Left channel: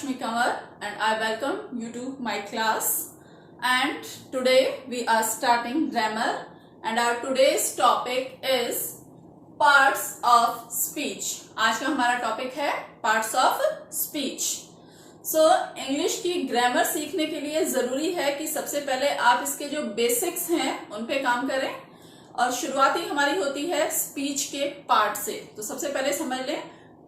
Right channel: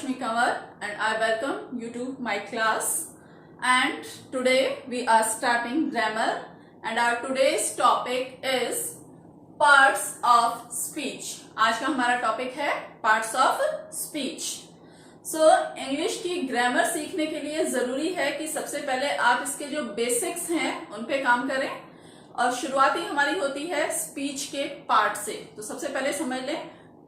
Lakshmi Kanwar and I welcome you to my class. And today we are starting grammar and our today's topic is parts of speech. आज का हमारा topic है parts of speech. So English की grammar सीखने के लिए जरूरी है कि सबसे पहले आप इसके जो बेसिक्स हैं उन पे काम करें और शुरुआती हमारी होती है स्पीच के पार्ट से. तो सबसे पहले समझ लें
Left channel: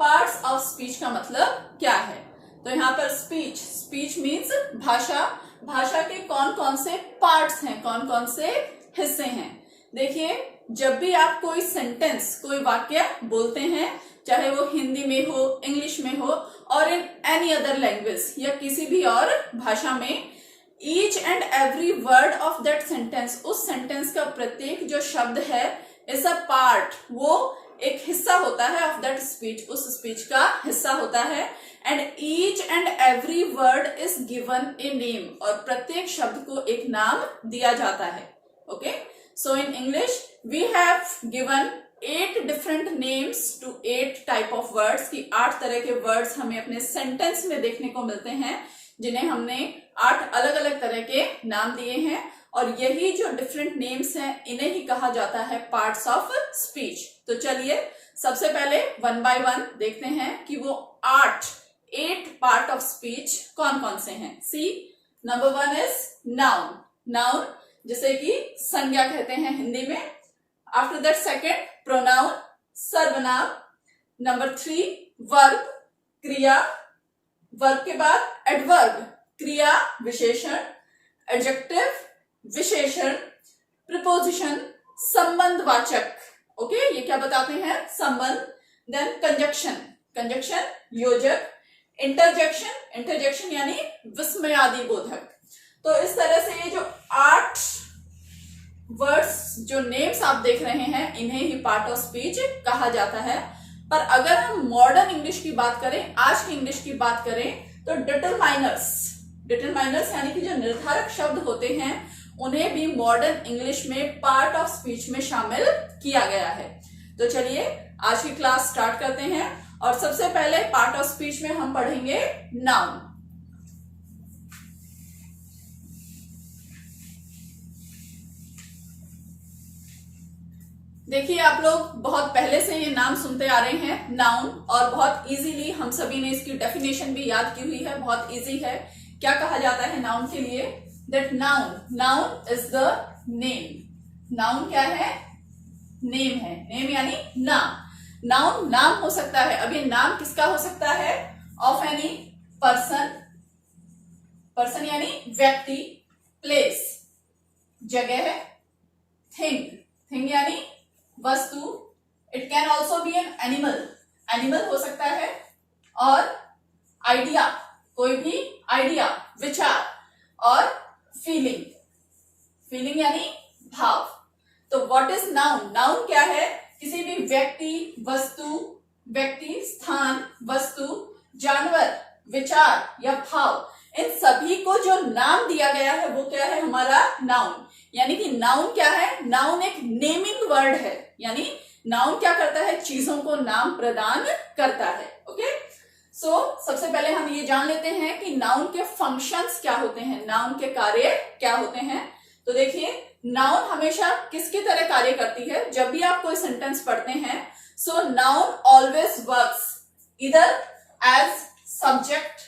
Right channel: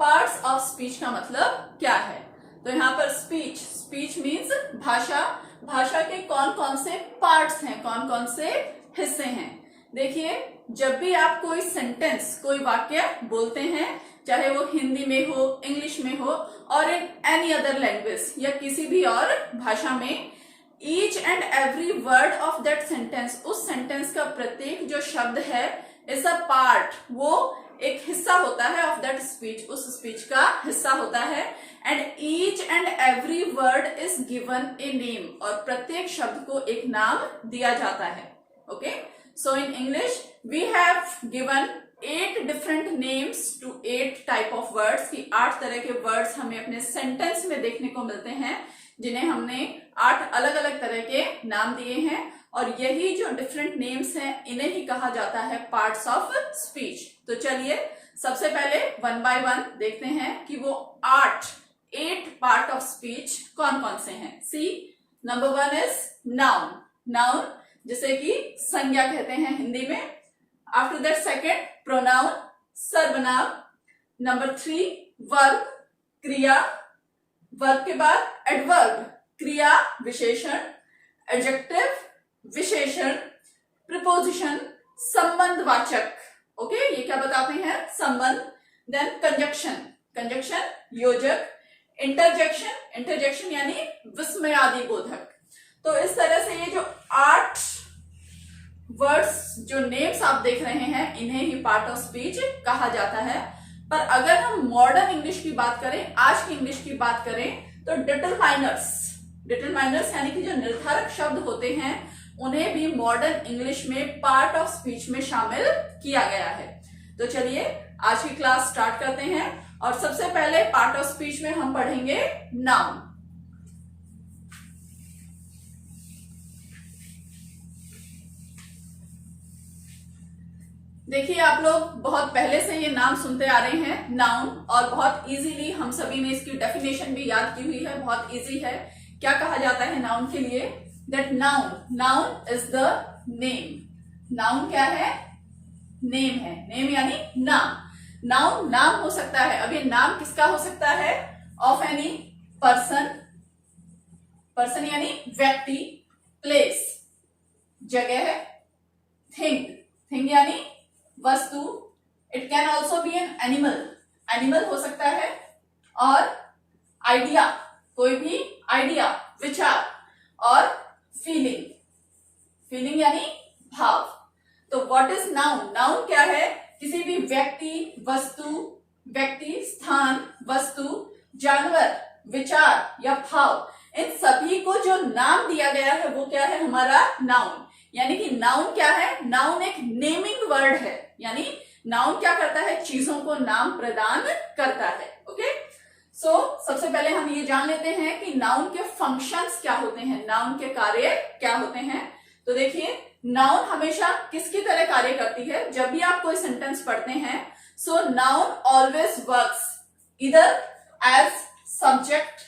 पार्ट्स ऑफ स्पीच का मतलब क्या है. तो यहाँ पर स्पीच मीन्स भाषा के कौन कौन से पार्ट्स हैं, कौन कौन से हिस्से हैं. देखिए जब भी आप कोई सेंटेंस, कोई वाक्य बोलते हैं, चाहे वो हिंदी में हो, इंग्लिश में हो और इन एनी अदर लैंग्वेज या किसी भी और भाषा में, each and every word of that sentence, उस सेंटेंस का प्रत्येक जो शब्द है इज अ पार्ट, वो एक हिस्सा होता है ऑफ दैट स्पीच, उस स्पीच का हिस्सा होता है. And each and every word is given a name, और प्रत्येक शब्द को एक नाम दिया जाता है. Okay, so in English we have given 8 different names to 8 type of words, की 8 तरह के वर्ड्स हमें अपने सेंटेंस में देखने को मिलते हैं, जिन्हें हमने 8 अलग अलग तरह के नाम दिए हैं. और यही जो डिफरेंट नेम्स हैं इन्हें ही कहा जाता है पार्ट्स ऑफ स्पीच. तो चलिए सबसे पहले वन बाय वन देखते हैं कि वो 8 पार्ट ऑफ स्पीच कौन कौन से हैं. सी, नंबर 1 इज नाउन. नाउन जिसे कि संज्ञा कहते हैं हिंदी में. आफ्टर दैट सेकेंड प्रोनाउन, सर्वनाम. नंबर 3 वर्ब, क्रिया. वर्ब के बाद एडवर्ब, क्रिया विशेषण. एडजेक्टिव, विशेषण. प्रिपोजिशन, संबंधवाचक. ओके, ये क्या बताते हैं, संबंध. देन कंजक्शन योजक. इंटरजेक्शन यानी विस्मयादि बोधक. तो इस तरह से ये जो 8 वर्ड्स, जो नेम्स आप देख रहे हैं, इन्हें ही पार्ट ऑफ स्पीच कहा जाता है. पर अगर हम मॉडर्न इंग्लिश की बात करें, आज की इंग्लिश की बात करें, तो डिटरमाइनर्स यानी कि जो निर्धारक शब्द होते हैं उन्हें भी मॉडर्न इंग्लिश में पार्ट ऑफ स्पीच में शामिल किया गया है. तो चलिए आज की क्लास स्टार्ट करते हैं और सबसे पहले पार्ट ऑफ स्पीच में हम पढ़ेंगे नाउन. देखिए आप लोग बहुत पहले से ये नाम सुनते आ रहे हैं नाउन, और बहुत इजीली हम सभी ने इसकी डेफिनेशन भी याद की हुई है. बहुत इजी है. क्या कहा जाता है नाउन के लिए, that noun is the name. Noun क्या है, नेम है. नेम यानी नाम. नाउन नाम हो सकता है. अब ये नाम किसका हो सकता है, ऑफ एनी पर्सन यानी व्यक्ति. प्लेस जगह है. थिंग यानी वस्तु. It can also be an animal हो सकता है. और आइडिया, कोई भी आइडिया, विचार. और फीलिंग यानी भाव. तो व्हाट इज नाउन. नाउन क्या है, किसी भी व्यक्ति, स्थान, वस्तु, जानवर, विचार या भाव, इन सभी को जो नाम दिया गया है वो क्या है, हमारा नाउन. यानी कि नाउन क्या है, नाउन एक नेमिंग वर्ड है. यानी नाउन क्या करता है, चीजों को नाम प्रदान करता है. ओके, सो सबसे पहले हम ये जान लेते हैं कि नाउन के फंक्शंस क्या होते हैं, नाउन के कार्य क्या होते हैं. तो देखिए नाउन हमेशा किसकी तरह कार्य करती है. जब भी आप कोई सेंटेंस पढ़ते हैं, सो नाउन ऑलवेज वर्क्स इधर एज सब्जेक्ट,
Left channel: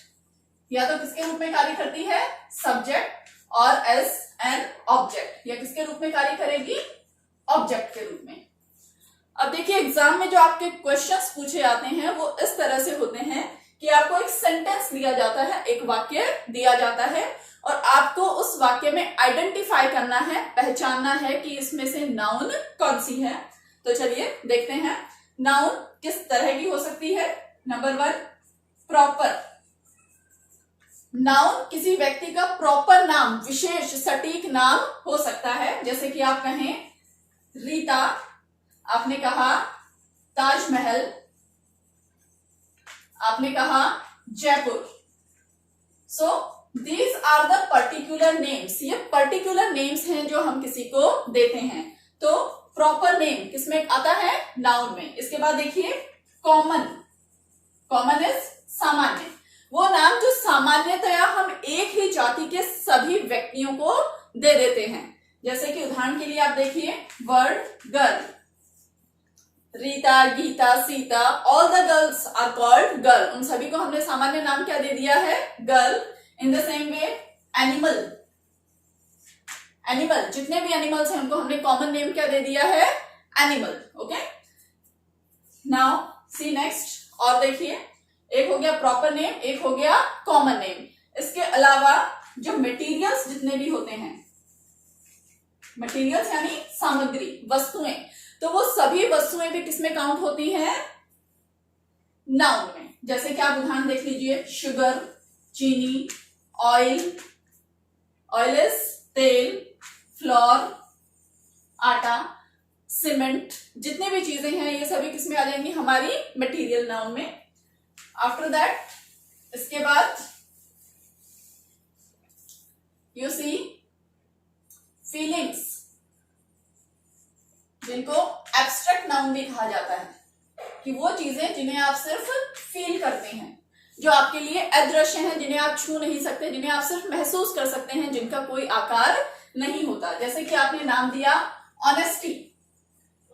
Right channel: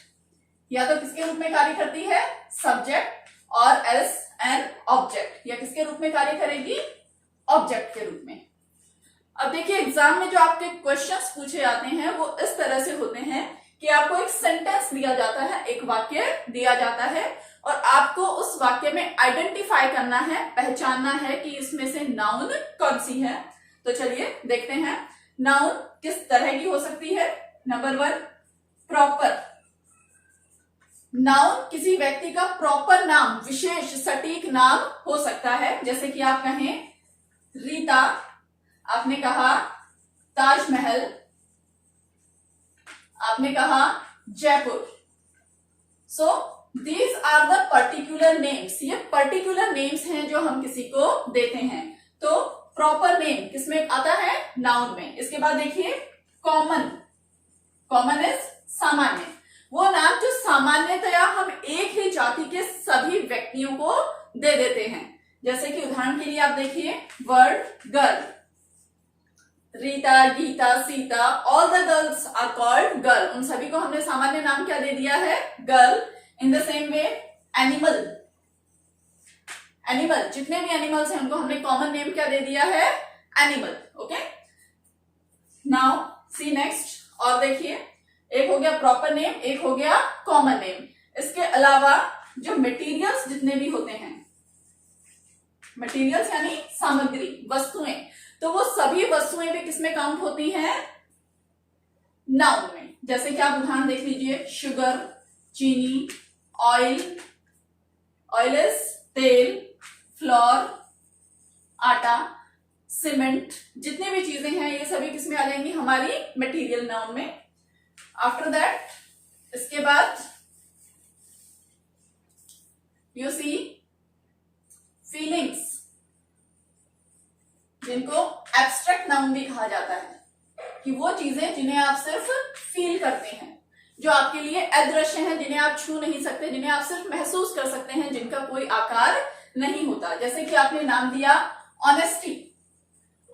या तो किसके रूप में कार्य करती है, सब्जेक्ट, और एज एन ऑब्जेक्ट, या किसके रूप में कार्य करेगी, ऑब्जेक्ट के रूप में. अब देखिए एग्जाम में जो आपके क्वेश्चंस पूछे जाते हैं वो इस तरह से होते हैं कि आपको एक सेंटेंस दिया जाता है, एक वाक्य दिया जाता है, और आपको उस वाक्य में आइडेंटिफाई करना है, पहचानना है कि इसमें से नाउन कौन सी है. तो चलिए देखते हैं नाउन किस तरह की हो सकती है. Number 1 proper. नाउन किसी व्यक्ति का प्रॉपर नाम, विशेष सटीक नाम हो सकता है. जैसे कि आप कहें रीता, आपने कहा ताजमहल, आपने कहा Jaipur. So these are the particular names. ये पर्टिकुलर नेम्स हैं जो हम किसी को देते हैं. तो प्रॉपर नेम किसमें आता है, नाउन में. इसके बाद देखिए कॉमन इज सामान्य. वो नाम जो सामान्यतया हम एक ही जाति के सभी व्यक्तियों को दे देते हैं। जैसे कि उदाहरण के लिए आप देखिए word girl, Rita, Gita, Sita, all the girls are called girl, उन सभी को हमने सामान्य नाम क्या दे दिया है, girl. In the same way animal, animal जितने भी एनिमल्स हैं उनको हमने कॉमन नेम क्या दे दिया है, एनिमल। ओके, नाउ सी नेक्स्ट, और देखिए एक हो गया प्रॉपर नेम, एक हो गया कॉमन नेम। इसके अलावा जो मटेरियल्स जितने भी होते हैं, मटेरियल्स यानी सामग्री, वस्तुएं, तो वो सभी वस्तुएं भी किसमें काउंट होती हैं, नाउन में। जैसे कि आप उदाहरण देख लीजिए, शुगर, चीनी, ऑयल, ऑयल इज तेल, फ्लोर आटा, सीमेंट, जितने भी चीजें हैं ये सभी किसमें आ जाएंगी, हमारी मटेरियल नाउन में। आफ्टर दैट, इसके बाद यू सी फीलिंग्स, जिनको एब्स्ट्रैक्ट नाउन भी कहा जाता है, कि वो चीजें जिन्हें आप सिर्फ फील करते हैं, जो आपके लिए अदृश्य हैं, जिन्हें आप छू नहीं सकते, जिन्हें आप सिर्फ महसूस कर सकते हैं, जिनका कोई आकार नहीं होता। जैसे कि आपने नाम दिया ऑनेस्टी,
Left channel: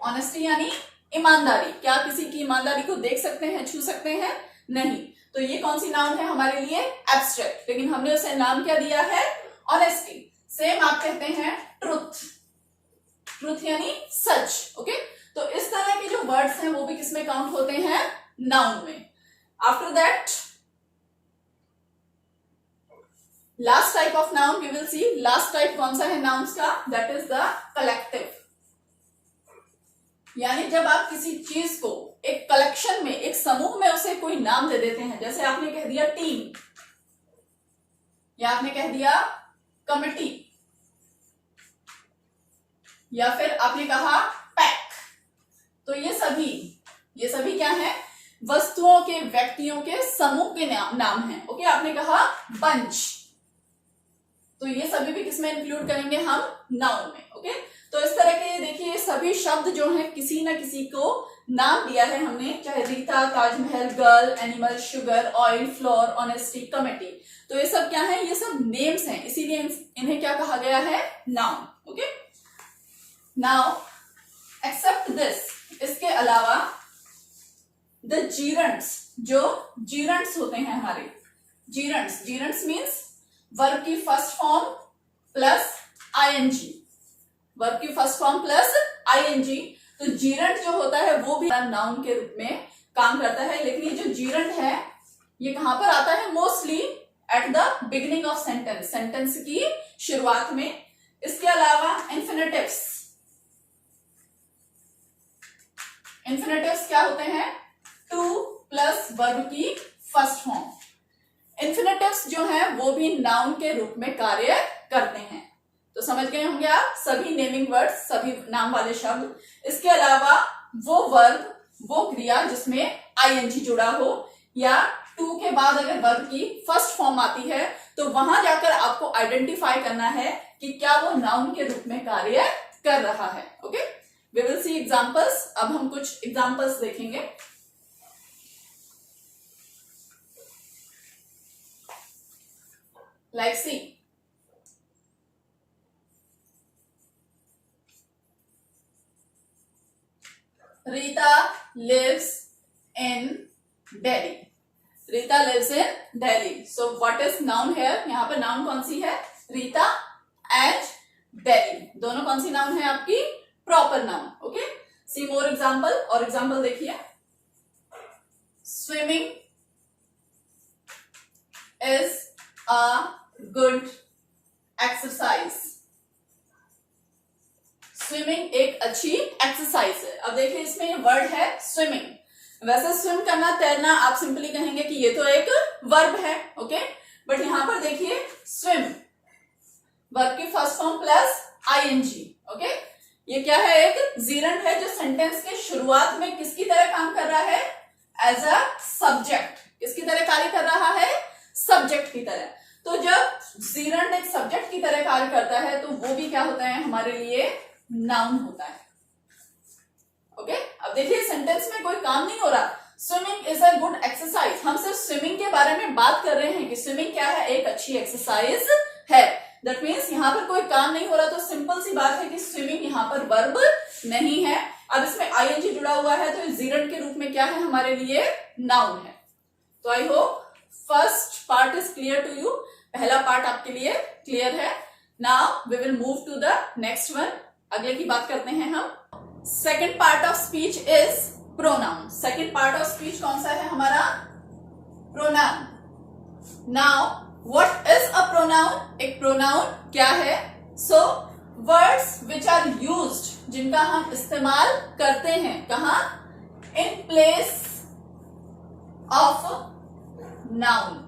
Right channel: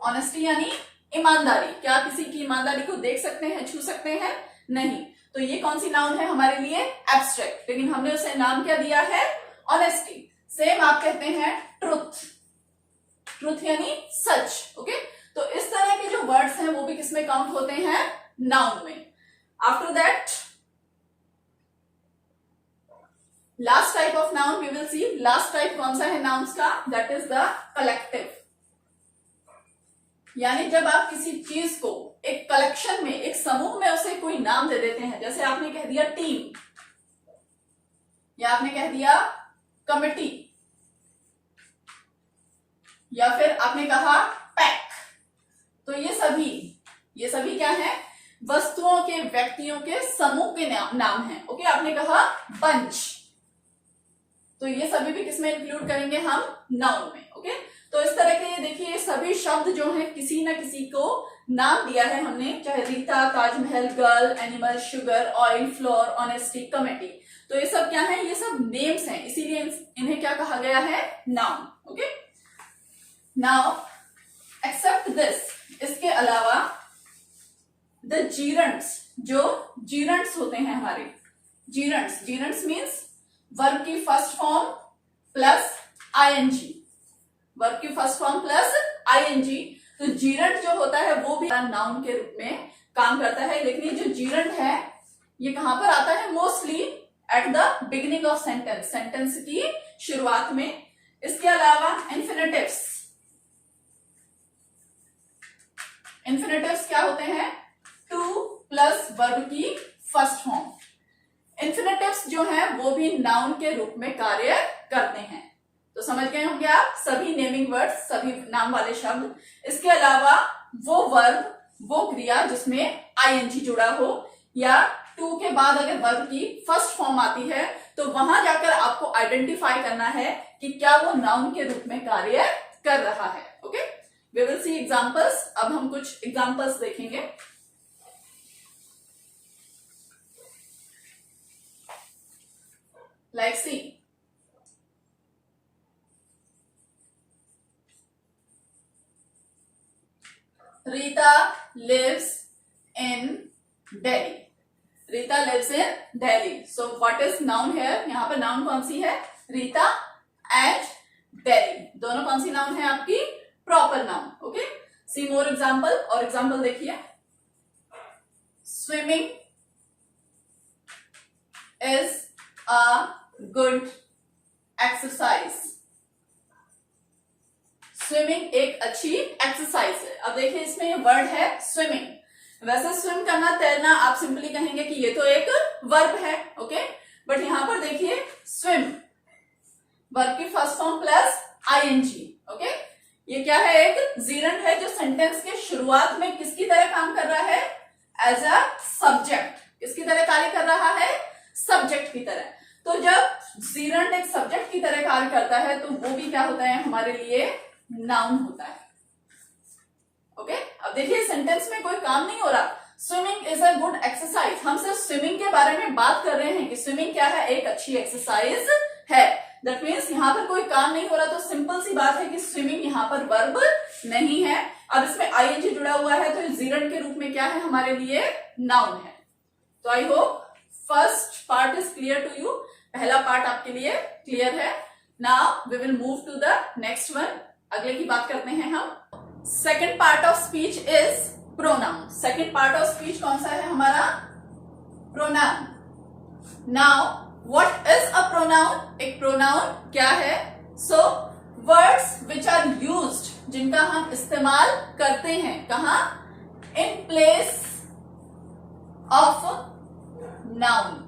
ऑनेस्टी यानी ईमानदारी। क्या आप किसी की ईमानदारी को देख सकते हैं, छू सकते हैं, नहीं। तो ये कौन सी नाउन है हमारे लिए, एब्स्ट्रैक्ट, लेकिन हमने उसे नाम क्या दिया है, ऑनेस्टी। सेम आप कहते हैं ट्रुथ, ट्रुथ यानी सच। ओके, तो इस तरह के जो वर्ड्स हैं वो भी किसमें काउंट होते हैं, नाउन में। After that last type of noun we will see. Last type कौन सा है नाउन्स का, दैट इज द कलेक्टिव। यानी जब आप किसी चीज को एक कलेक्शन में, एक समूह में उसे कोई नाम दे देते हैं, जैसे आपने कह दिया टीम, या आपने कह दिया कमिटी, या फिर आपने कहा पैक, तो ये सभी क्या है, वस्तुओं के, व्यक्तियों के समूह के नाम हैं। ओके, आपने कहा बंच, तो ये सभी भी किसमें इंक्लूड करेंगे हम, नाउन में। ओके, तो इस तरह के देखिए सभी शब्द जो हैं किसी ना किसी को नाम दिया है हमने, चाहे Rita, Taj Mahal, girl, animal, sugar, oil, floor, honesty, committee, तो ये सब क्या है, ये सब नेम्स हैं, इसीलिए इन्हें क्या कहा गया है, noun. Okay, now except this, इसके अलावा द जीरंड्स, जो जीरंड्स होते हैं हमारे, जीरंड्स, जीरंड्स मीन्स वर्ब की first form plus ING, verb की फर्स्ट फॉर्म प्लस आईएनजी। तो जीरंड जो होता है वो भी नाउन के रूप में काम करता है, लेकिन ये जो जीरंड है ये कहां पर आता है, mostly at the beginning of sentence, sentence की शुरुआत में। इसके अलावा इन्फिनेटिव्स, इन्फिनेटिव्स क्या होते हैं, टू प्लस वर्ब की फर्स्ट फॉर्म। इन्फिनेटिव्स जो है वो भी नाउन के रूप में कार्य करते हैं। तो समझ गए होंगे आप सभी नेमिंग वर्ड्स, सभी नाम वाले शब्द। इसके अलावा वो वर्ब, वो क्रिया जिसमें आईएनजी जुड़ा हो, या टू के बाद अगर वर्ब की फर्स्ट फॉर्म आती है, तो वहां जाकर आपको आइडेंटिफाई करना है कि क्या वो नाउन के रूप में कार्य कर रहा है। Okay, we will see examples. अब हम कुछ एग्जांपल्स देखेंगे। Like see, Rita lives in Delhi, Rita lives in Delhi. So what is noun here, यहाँ पर नाउन कौन सी है, रीता एंड दिल्ली, दोनों कौन सी नाउन है आपकी, proper noun. Okay, see more example, और एग्जाम्पल देखिए, swimming is a good exercise, swimming एक अच्छी एक्सरसाइज है। अब देखिए इसमें वर्ड है स्विमिंग। वैसे स्विम करना, तैरना, आप सिंपली कहेंगे कि ये तो एक वर्ब है। ओके, बट यहां पर देखिए स्विम, वर्ब की first form plus ING. Okay, ये क्या है, एक जीरंड है जो सेंटेंस के शुरुआत में किसकी तरह काम कर रहा है, एज अ सब्जेक्ट। किसकी तरह कार्य कर रहा है, सब्जेक्ट की तरह। तो जब जीरंड एक सब्जेक्ट की तरह कार्य करता है तो वो भी क्या होता है हमारे लिए, नाउन होता है। ओके, अब देखिए सेंटेंस में कोई काम नहीं हो रहा, swimming is a good exercise. हम सिर्फ स्विमिंग के बारे में बात कर रहे हैं कि स्विमिंग क्या है, एक अच्छी एक्सरसाइज है। दैट मीन्स यहाँ पर कोई काम नहीं हो रहा, तो सिंपल सी बात है कि स्विमिंग यहाँ पर वर्ब नहीं है। अब इसमें आईएनजी जुड़ा हुआ है तो जीरंड के रूप में क्या है हमारे लिए, नाउन है। तो I hope first part is clear to you. पहला पार्ट आपके लिए क्लियर है। Now we will move to the next one. अगले की बात करते हैं हम। Second part of speech is pronoun. Second part of speech कौन सा है हमारा, pronoun. Now what is a pronoun, एक प्रोनाउन क्या है। So words which are used, जिनका हम इस्तेमाल करते हैं, कहा, इन प्लेस ऑफ नाउन,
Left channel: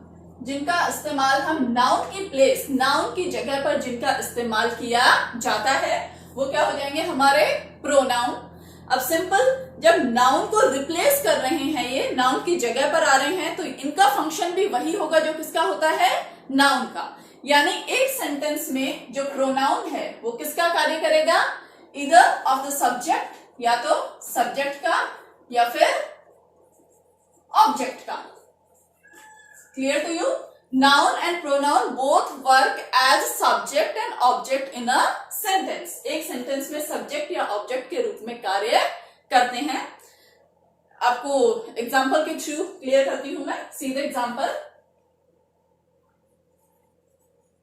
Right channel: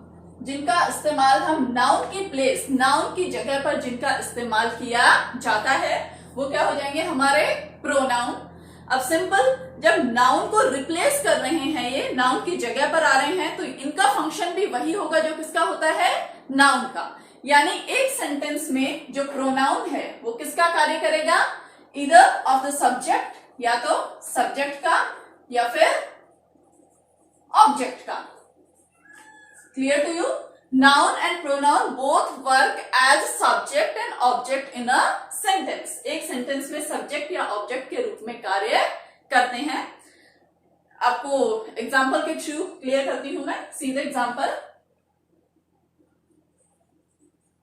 जिनका इस्तेमाल हम नाउन की प्लेस, नाउन की जगह पर जिनका इस्तेमाल किया जाता है, वो क्या हो जाएंगे हमारे प्रोनाउन। अब सिंपल, जब नाउन को रिप्लेस कर रहे हैं, ये नाउन की जगह पर आ रहे हैं, तो इनका फंक्शन भी वही होगा जो किसका होता है, नाउन का। यानी एक सेंटेंस में जो प्रोनाउन है वो किसका कार्य करेगा, इधर ऑफ द सब्जेक्ट, या तो सब्जेक्ट का या फिर ऑब्जेक्ट का। Clear to you. Noun and pronoun both work as subject and object in a sentence. एक सेंटेंस में सब्जेक्ट या ऑब्जेक्ट के रूप में कार्य करते हैं। आपको एग्जाम्पल के थ्रू क्लियर करती हूं मैं। सीधे example,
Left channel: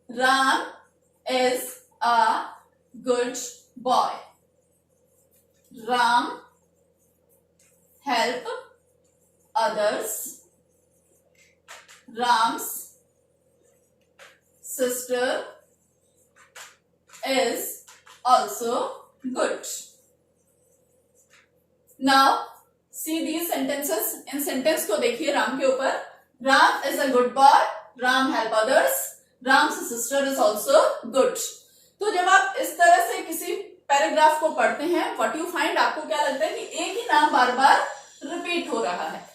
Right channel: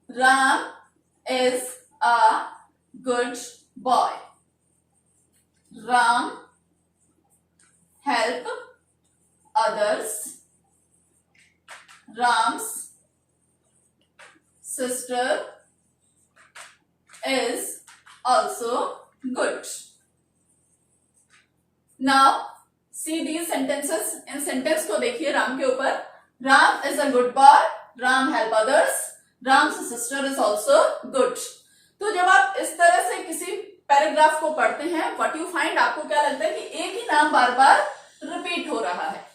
Ram is a good boy. Ram help others. Ram's sister is also good. Now see these sentences. In sentence को देखिए राम के ऊपर। Ram is a good boy. Ram help others. Ram's sister is also good. तो जब आप इस तरह से किसी पैराग्राफ को पढ़ते हैं, what you find, आपको क्या लगता है कि एक ही नाम बार बार रिपीट हो रहा है।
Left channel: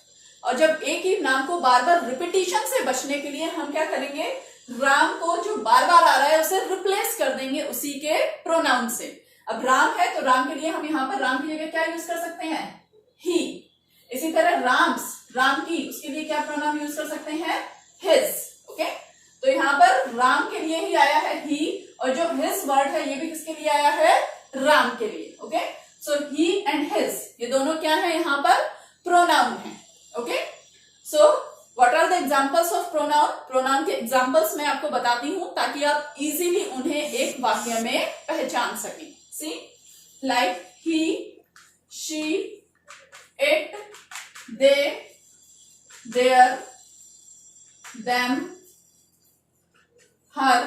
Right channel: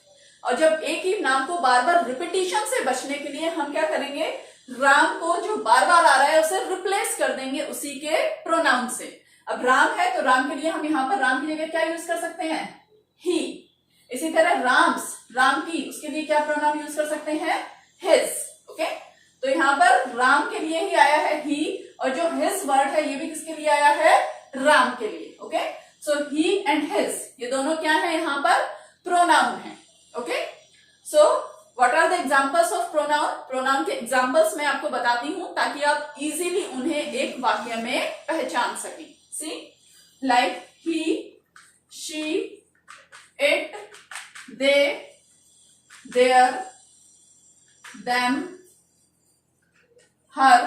और जब एक ही नाम को बार बार रिपीटिशन से बचने के लिए हम क्या करेंगे, राम को जो बार बार आ रहा है उसे रिप्लेस कर देंगे उसी के प्रोनाउन से। अब राम है तो राम के लिए हम यहाँ पर राम की जगह क्या यूज कर सकते हैं, ही। इसी तरह राम्स, राम की, उसके लिए क्या प्रोनाउन यूज कर सकते हैं, हिज। ओके, तो यहाँ पर राम के लिए ही आया है ही, और जो हिज वर्ड है ये भी किसके लिए आया है, राम के लिए। Okay, so he and his, ये दोनों क्या है यहाँ पर, प्रोनाउन है। Okay, so what are the examples of pronoun. प्रोनाउन के एग्जांपल्स मैं आपको बताती हूं ताकि आप इजीली उन्हें एक वाक्य में पहचान सकें। See, like he, she, it, they, their, them, her,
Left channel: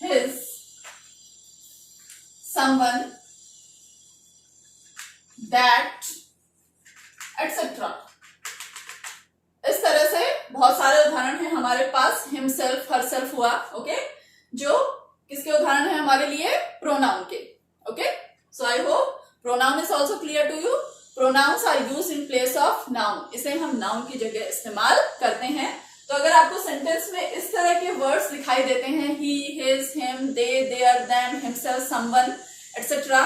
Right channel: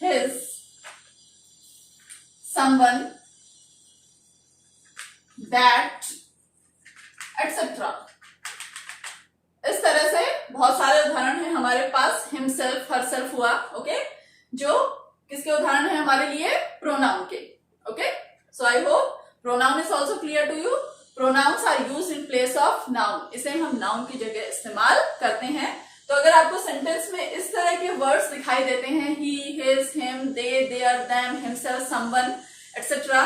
his, someone, that, etcetera. इस तरह से बहुत सारे उदाहरण हैं हमारे पास। हिमसेल्फ, हरसेल्फ हुआ। ओके, जो किसके उदाहरण है हमारे लिए, प्रोनाउन के। Okay, so I hope pronoun is also clear to you. Pronouns are used in place of noun. इसे हम नाउन की जगह इस्तेमाल करते हैं। तो अगर आपको सेंटेंस में इस तरह के वर्ड्स दिखाई देते हैं, he, his, him, they, their, them, himself, someone, etcetera,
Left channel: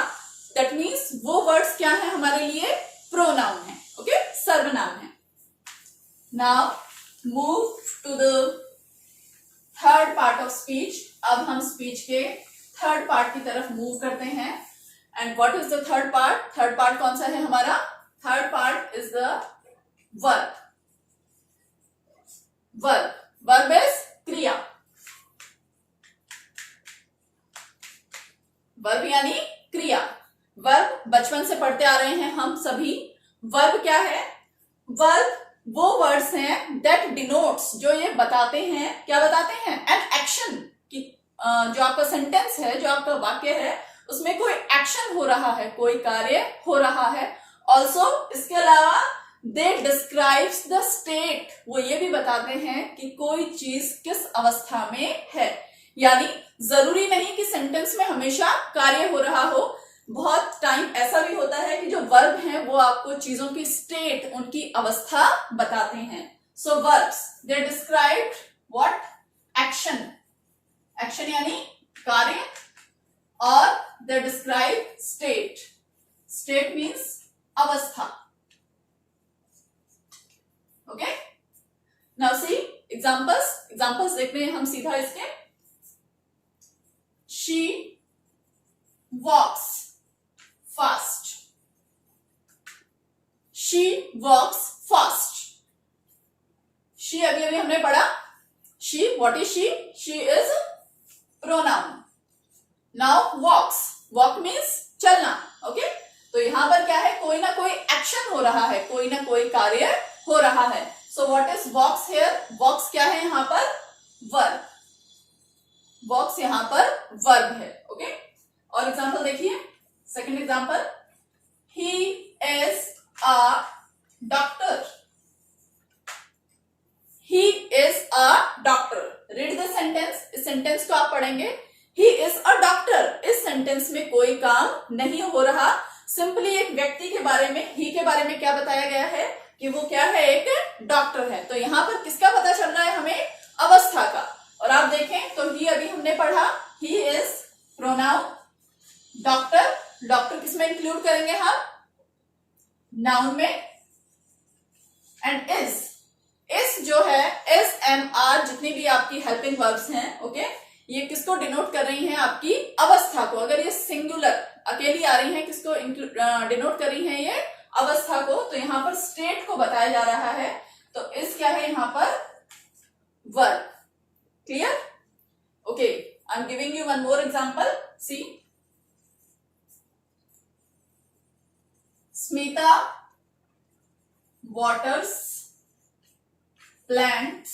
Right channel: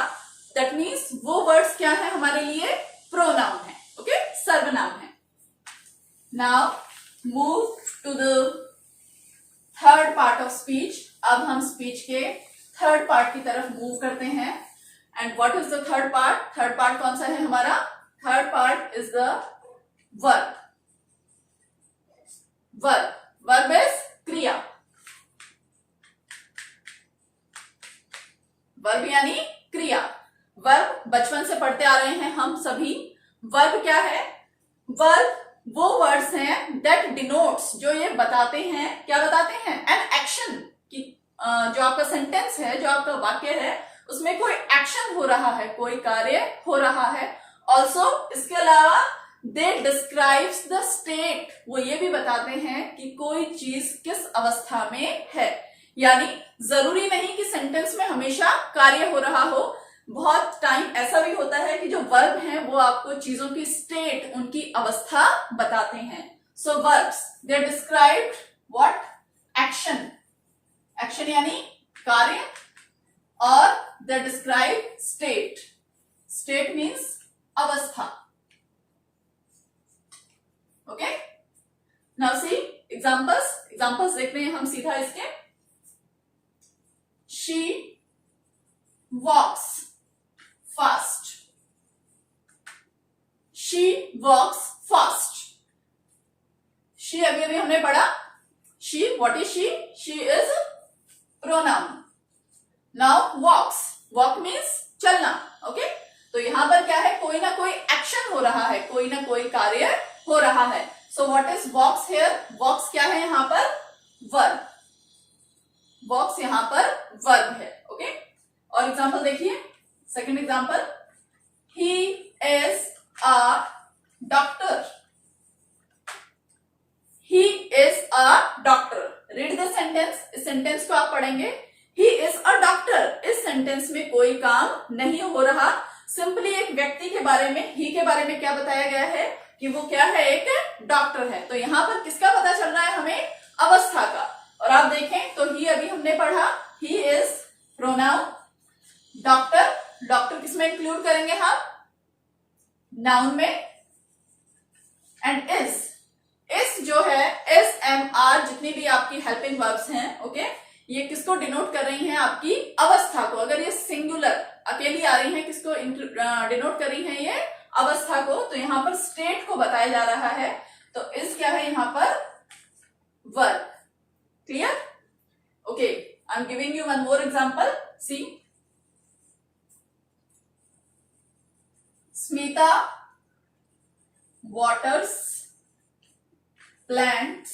that means वो वर्ड्स क्या है हमारे लिए, प्रोनाउन है। ओके, सर्वनाम है। Now move to the third part of speech. अब हम स्पीच के थर्ड पार्ट की तरफ मूव करते हैं। And what is the third part. Third part कौन सा है हमारा, third part is the verb. Verb, verb is क्रिया। वर्ब यानी क्रिया। वर्ब बचपन से पढ़ते आ रहे हैं हम सभी। वर्ब क्या है, वर्ब वो वर्ड्स हैं दैट डिनोट्स, जो ये बताते हैं, क्या बताते हैं, एन एक्शन की। जो आपका सेंटेंस है, जो आपका वाक्य है, उसमें कोई एक्शन हो रहा है, कोई कार्य हो रहा है। ऑल्सो इसके अलावा दे डिस्क्राइब्स द स्टेट, वो ये भी बताते हैं कि कोई चीज किस अवस्था में है। यानी जरूरी नहीं कि सेंटेंस में हमेशा कार्य हो रहा हो। बहुत टाइम ऐसा भी होता है कि जो वर्ब हैं वो आपको चीजों की स्टेट, उनकी अवस्था बताते हैं। So verbs, they describe what, action. Action यानी कार्य, और they describe state. State means अवस्था। ओके, नाउ सी एग्जांपल्स देखते हैं हम सीधा इसके। She walks fast, she walks fast. She अभी अभी हमने पढ़ा, she, what is she? She is pronoun. Now walks, walk means चलना। ओके, तो यहां पर क्या है, कोई ना कोई एक्शन हो रहा है, कोई ना कोई कार्य हो रहा है। So what is walks here? Walks क्या है यहां पर? वर्ब। वॉक्स यहां पर वर्ब है। ओके, और एग्जांपल देखिए, second example, he is a doctor, he is a doctor. Read the sentence, इस सेंटेंस को आप पढ़ेंगे, ही इज अ डॉक्टर। इस सेंटेंस में कोई काम नहीं हो रहा, सिंपली एक व्यक्ति के बारे में, ही के बारे में क्या बताया गया है कि वो क्या है, एक डॉक्टर है। तो यहां पर किसका पता चल रहा है हमें? अवस्था का। और आप देखें तो ही अभी हमने पढ़ा, he is pronoun, doctor, doctor किसमें इंक्लूड करेंगे हम? नाउन में। एंड इज जो है, एस एम आर, जितनी भी आपकी हेल्पिंग वर्ब्स हैं, ओके, ये किसको डिनोट कर रही हैं? आपकी अवस्था को। अगर ये सिंगुलर अकेली आ रही है, किसको डिनोट कर रही है? ये अवस्था को। तो यहां पर स्टेट को बताया जा रहा है, तो इस क्या है यहां पर? Verb. Clear? Okay, I am giving you one more example, see. Smita waters plants,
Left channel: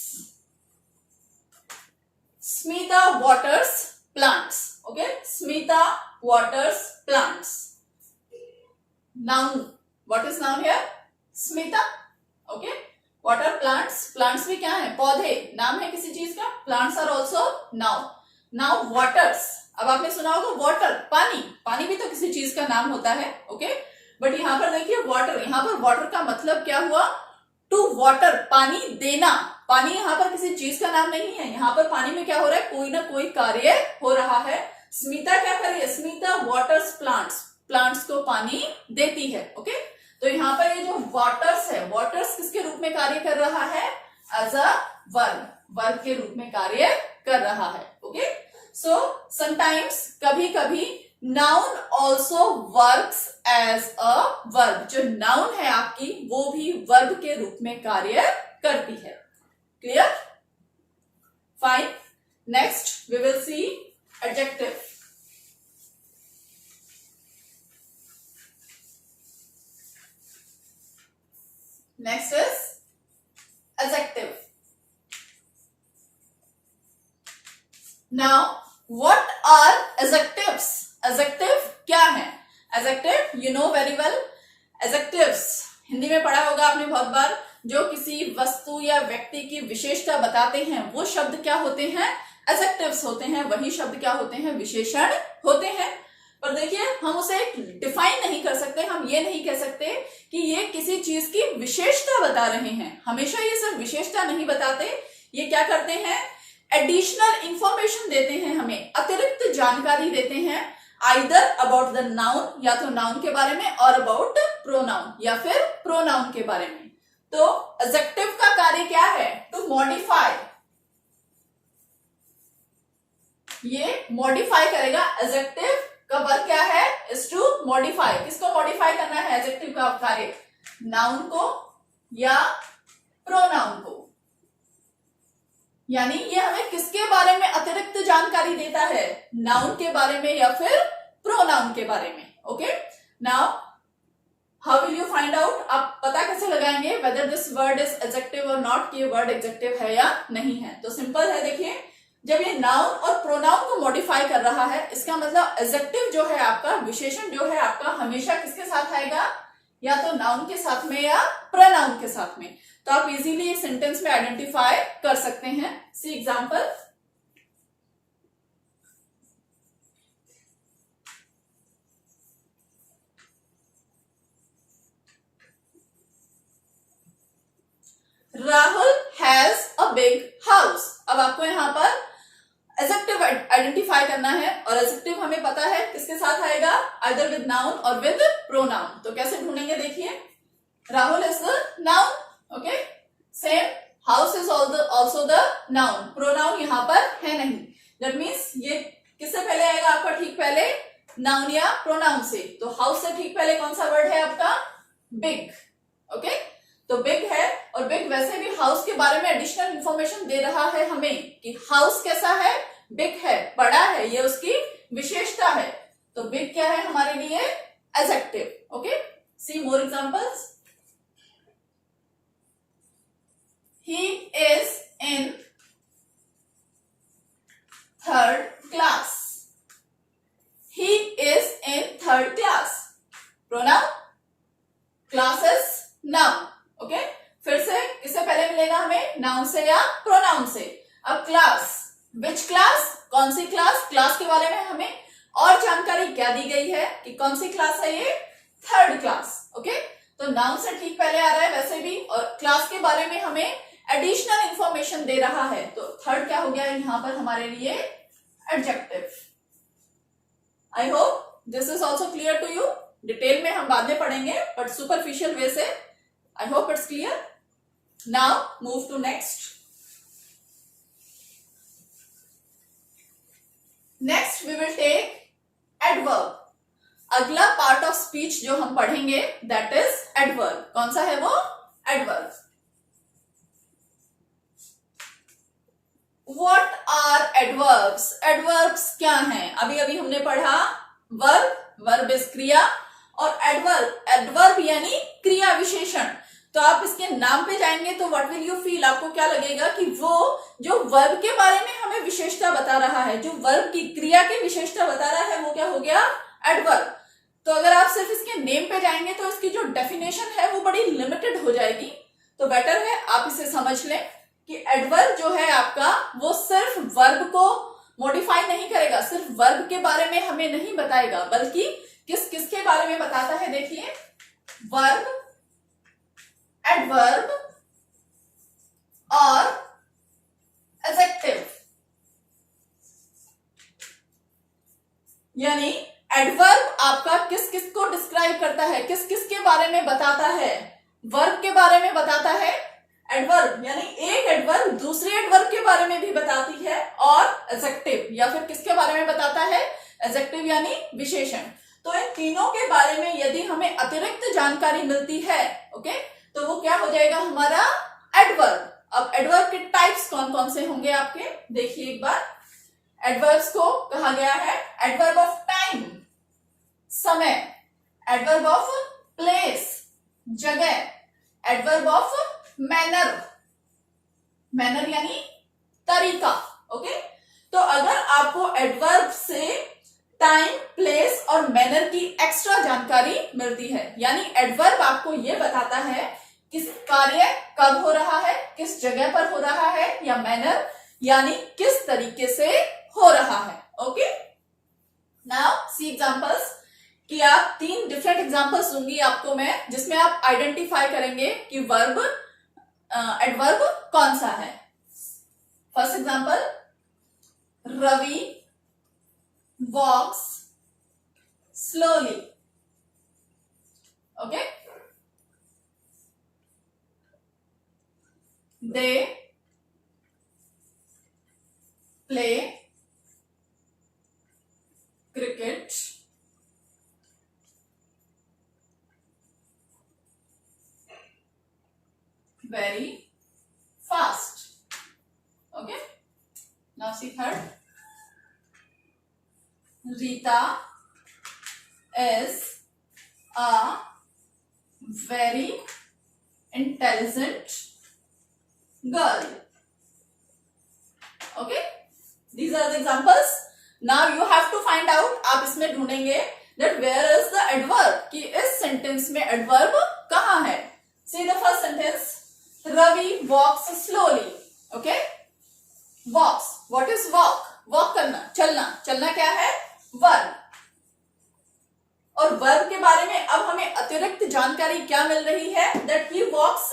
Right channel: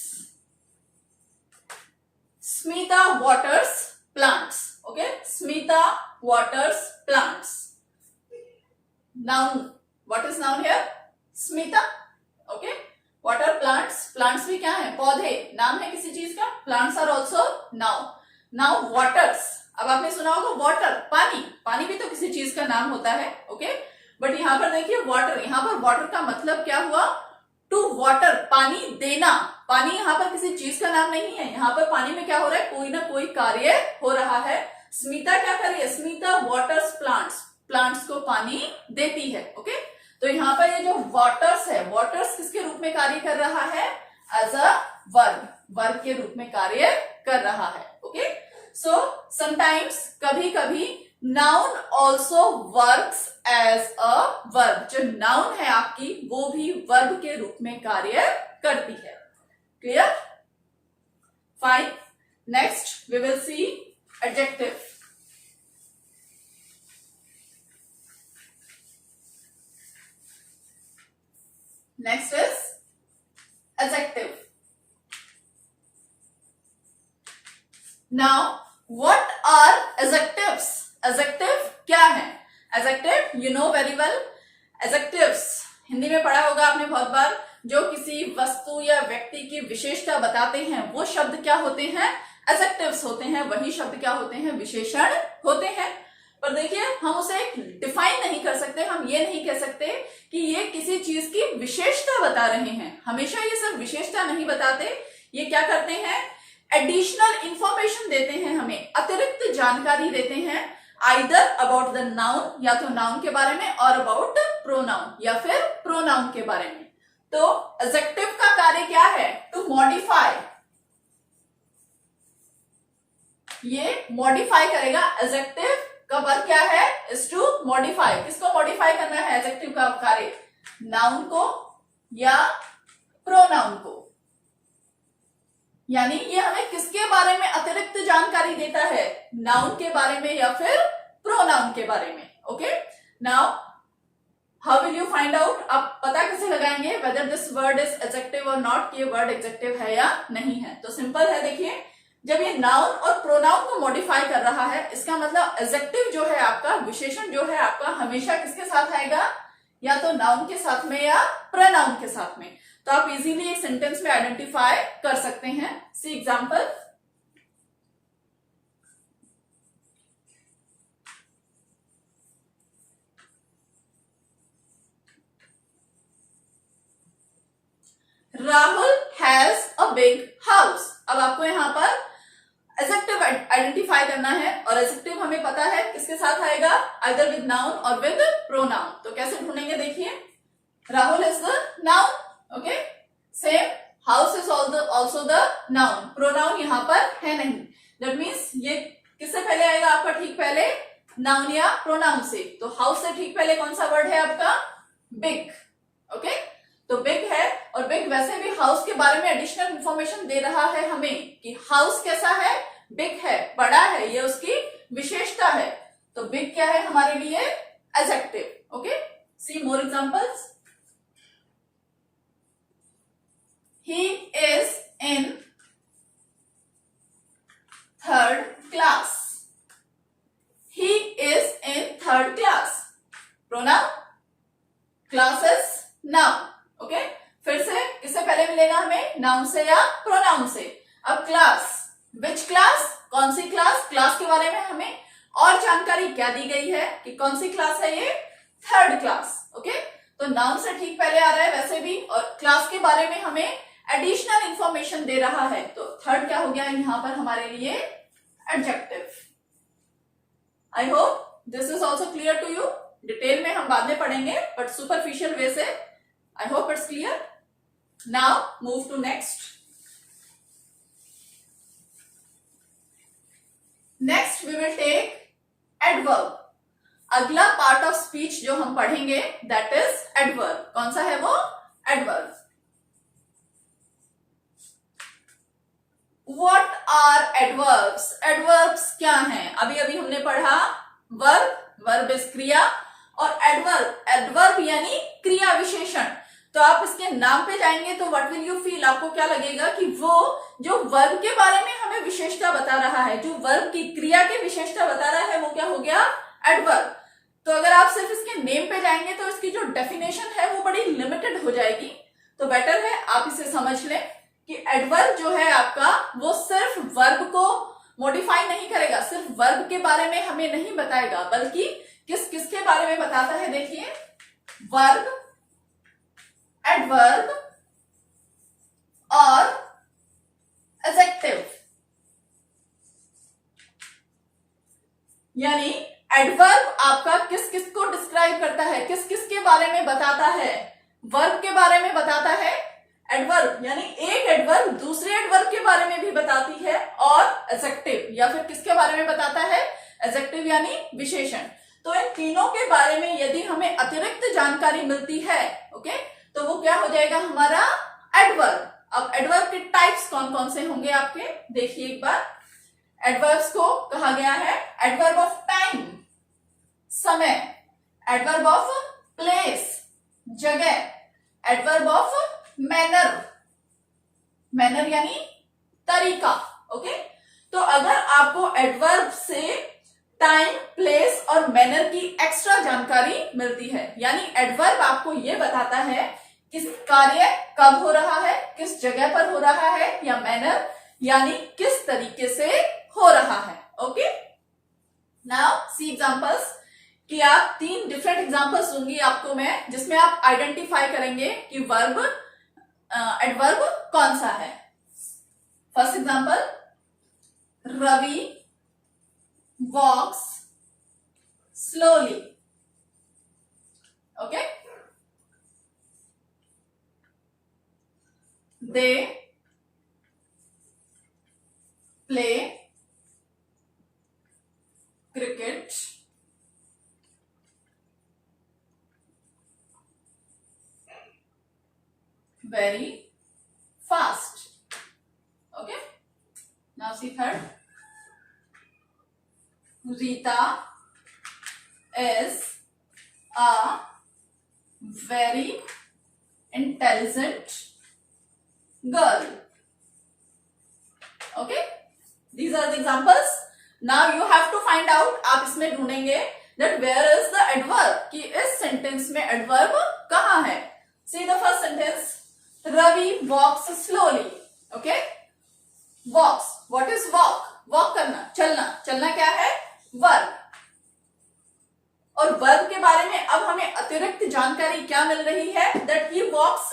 Smita waters plants. Okay, Smita waters plants. Noun, what is noun here? Smita. Okay, water plants, plants भी क्या है? पौधे, नाम है किसी चीज का। plants are also noun. Now waters, अब आपने सुना होगा water, पानी, पानी भी तो किसी चीज का नाम होता है। ओके, बट यहां पर देखिए वाटर, यहां पर वाटर का मतलब क्या हुआ? टू वाटर, पानी देना। पानी यहां पर किसी चीज का नाम नहीं है, यहां पर पानी में क्या हो रहा है? कोई ना कोई कार्य हो रहा है। स्मिता क्या कर रही है? स्मिता वाटर्स प्लांट्स, प्लांट्स को पानी देती है। ओके, तो यहां पर ये जो वाटर्स है, वाटर्स किसके रूप में कार्य कर रहा है? एज अ वर्ब, वर्ब के रूप में कार्य कर रहा है। ओके, सो समटाइम्स, कभी कभी noun also works as a verb. जो नाउन है आपकी, वो भी वर्ब के रूप में कार्य करती है। Clear? Fine, next we will see adjective. Next is adjective. Now what are adjectives? Adjective क्या है? Adjective you know very well. Adjectives Hindi में पढ़ा होगा आपने बहुत बार, जो किसी वस्तु या व्यक्ति की विशेषता बताते हैं, वो शब्द क्या होते हैं? एडजेक्टिव्स होते हैं। वही शब्द क्या होते हैं? विशेषण होते हैं। पर देखिए, हम उसे डिफाइन नहीं कर सकते, हम ये नहीं कह सकते कि ये किसी चीज की विशेषता बता रहे हैं। हमेशा ये सिर्फ विशेषता नहीं बताते, ये क्या करते हैं? एडिशनल इंफॉर्मेशन देते हैं, हमें अतिरिक्त जानकारी देते हैं, आइदर अबाउट द नाउन, या तो नाउन के बारे में, और अबाउट प्रोनाउन, या फिर प्रोनाउन के बारे में। तो एडजेक्टिव का कार्य क्या है? टू मॉडिफाई, ये मॉडिफाई करेगा। एडजेक्टिव का वर्क क्या है? Is to modify. किसको मॉडिफाई करना है? एडजेक्टिव का कार्य नाउन को या प्रोनाउन को। यानी ये हमें किसके बारे में अतिरिक्त जानकारी देता है? नाउन के बारे में या फिर प्रोनाउन के बारे में। Okay, now how will you find out? आप पता कैसे लगाएंगे whether this word is adjective और नॉट, कि वर्ड एडजेक्टिव है या नहीं है? तो सिंपल है, देखिए, जब ये नाउन और प्रोनाउन को मॉडिफाई कर रहा है, इसका मतलब एडजेक्टिव जो है आपका, विशेषण जो है आपका, हमेशा किसके साथ आएगा? या तो नाउन के साथ में या प्रोनाउन के साथ में। तो आप इजीली एक सेंटेंस में आइडेंटिफाई कर सकते हैं। See example, Rahul has a big house. अब आपको यहां पर एडजेक्टिव आइडेंटिफाई करना है, और एडजेक्टिव हमें पता है किसके साथ आएगा? आइदर विद नाउन और विद प्रोनाउन। तो कैसे ढूंढेंगे? देखिए, Rahul is the noun. Okay, same house is also the noun, pronoun यहाँ पर है नहीं। दैट मीन्स ये किससे पहले आएगा आपका ठीक पहले, नाउन या प्रोनाउन से। तो हाउस से ठीक पहले कौन सा वर्ड है आपका, बिग। ओके, तो बिग है, और बिग वैसे भी हाउस के बारे में एडिशनल इंफॉर्मेशन दे रहा है हमें कि हाउस कैसा है, बिग है, बड़ा है, ये उसकी विशेषता है। तो बिग क्या है हमारे लिए, adjective. Okay, see more examples. He is in third class. He is in third class. Pronoun, classes, noun. Okay? फिर से किससे पहले मिलेगा हमें, नाउन से या प्रोनाउन से। अब क्लास, विच क्लास, कौन सी क्लास, क्लास के बारे में हमें और जानकारी क्या दी गई है कि कौन सी क्लास है ये, थर्ड क्लास। ओके, तो नाउन से ठीक पहले आ रहा है वैसे भी, और क्लास के बारे में हमें एडिशनल इंफॉर्मेशन दे रहा है। तो थर्ड क्या हो गया यहां पर हमारे लिए, adjective. I hope this is also clear to you. Detail में हम बाद में पढ़ेंगे, बट सुपरफिशियल वे से I hope it's clear. Now move to next. Next we will take adverb. अगला पार्ट ऑफ स्पीच जो हम पढ़ेंगे दैट इज एडवर्ब। कौन सा है वो, adverb. What are adverbs? Adverbs क्या हैं? अभी अभी हमने पढ़ा verb, verb is क्रिया, और adverb यानी क्रिया विशेषण। तो आप इसके नाम पे जाएंगे तो what will you feel? आपको क्या लगेगा कि वो जो verb के बारे में हमें विशेषता बता रहा है, जो verb की क्रिया की विशेषता बता रहा है, वो क्या हो गया, adverb। तो अगर आप सिर्फ इसके नेम पे जाएंगे तो इसकी जो डेफिनेशन है वो बड़ी लिमिटेड हो जाएगी। तो बेटर है आप इसे समझ लें कि एडवर्ब जो है आपका वो सिर्फ वर्ब को मॉडिफाई नहीं करेगा, सिर्फ वर्ब के बारे में हमें नहीं बताएगा, बल्कि किसके बारे में बताता है। देखिए, वर्ब, एडवर्ब और एडजेक्टिव। यानी एडवर्ब आपका किस किस को डिस्क्राइब करता है, किस किस के बारे में बताता है, वर्ब के बारे में बताता है। एडवर्ब यानी एक एडवर्ब दूसरे एडवर्ब के बारे में भी बताती है, और एडजेक्टिव या फिर किसके बारे में बताता है, एडजेक्टिव यानी विशेषण। तो इन तीनों के बारे में यदि हमें अतिरिक्त जानकारी मिलती है, ओके, तो वो क्या हो जाएगा हमारा एडवर्ब। अब एडवर्ब के टाइप्स कौन कौन से होंगे आपके, देखिए एक बार। एडवर्ब्स को कहा गया है एडवर्ब ऑफ टाइम, समय, एडवर्ब ऑफ प्लेस, जगह, एडवर्ब ऑफ मैनर, मैनर यानी तरीका। ओके, तो अगर आपको एडवर्ब से टाइम, प्लेस और मैनर की एक्स्ट्रा जानकारी मिलती है, यानी एडवर्ब आपको यह बताता है किस कार्य कब हो रहा है, किस जगह पर हो रहा है, या मैनर यानी किस तरीके से हो रहा है। ओके, नाउ सी एग्जांपल्स, कि आप 3 डिफरेंट एग्जांपल्स दूंगी आपको मैं, जिसमें आप आइडेंटिफाई करेंगे कि वर्ब एडवर्ब कौन सा है। First example, Ravi walks slowly. Okay, they play cricket very fast. Okay, now see third. Rita is a very intelligent girl. Okay, these are the examples. Now you have to find out, आप इसमें ढूंढेंगे that where is the adverb, कि इस sentence में adverb कहाँ है। See the first sentence, Ravi walks slowly. Okay, walks, what is walk? Walk करना, चलना, चलना क्या है, वर्ब। और वर्ब के बारे में अब हमें अतिरिक्त जानकारी क्या मिल रही है, that he walks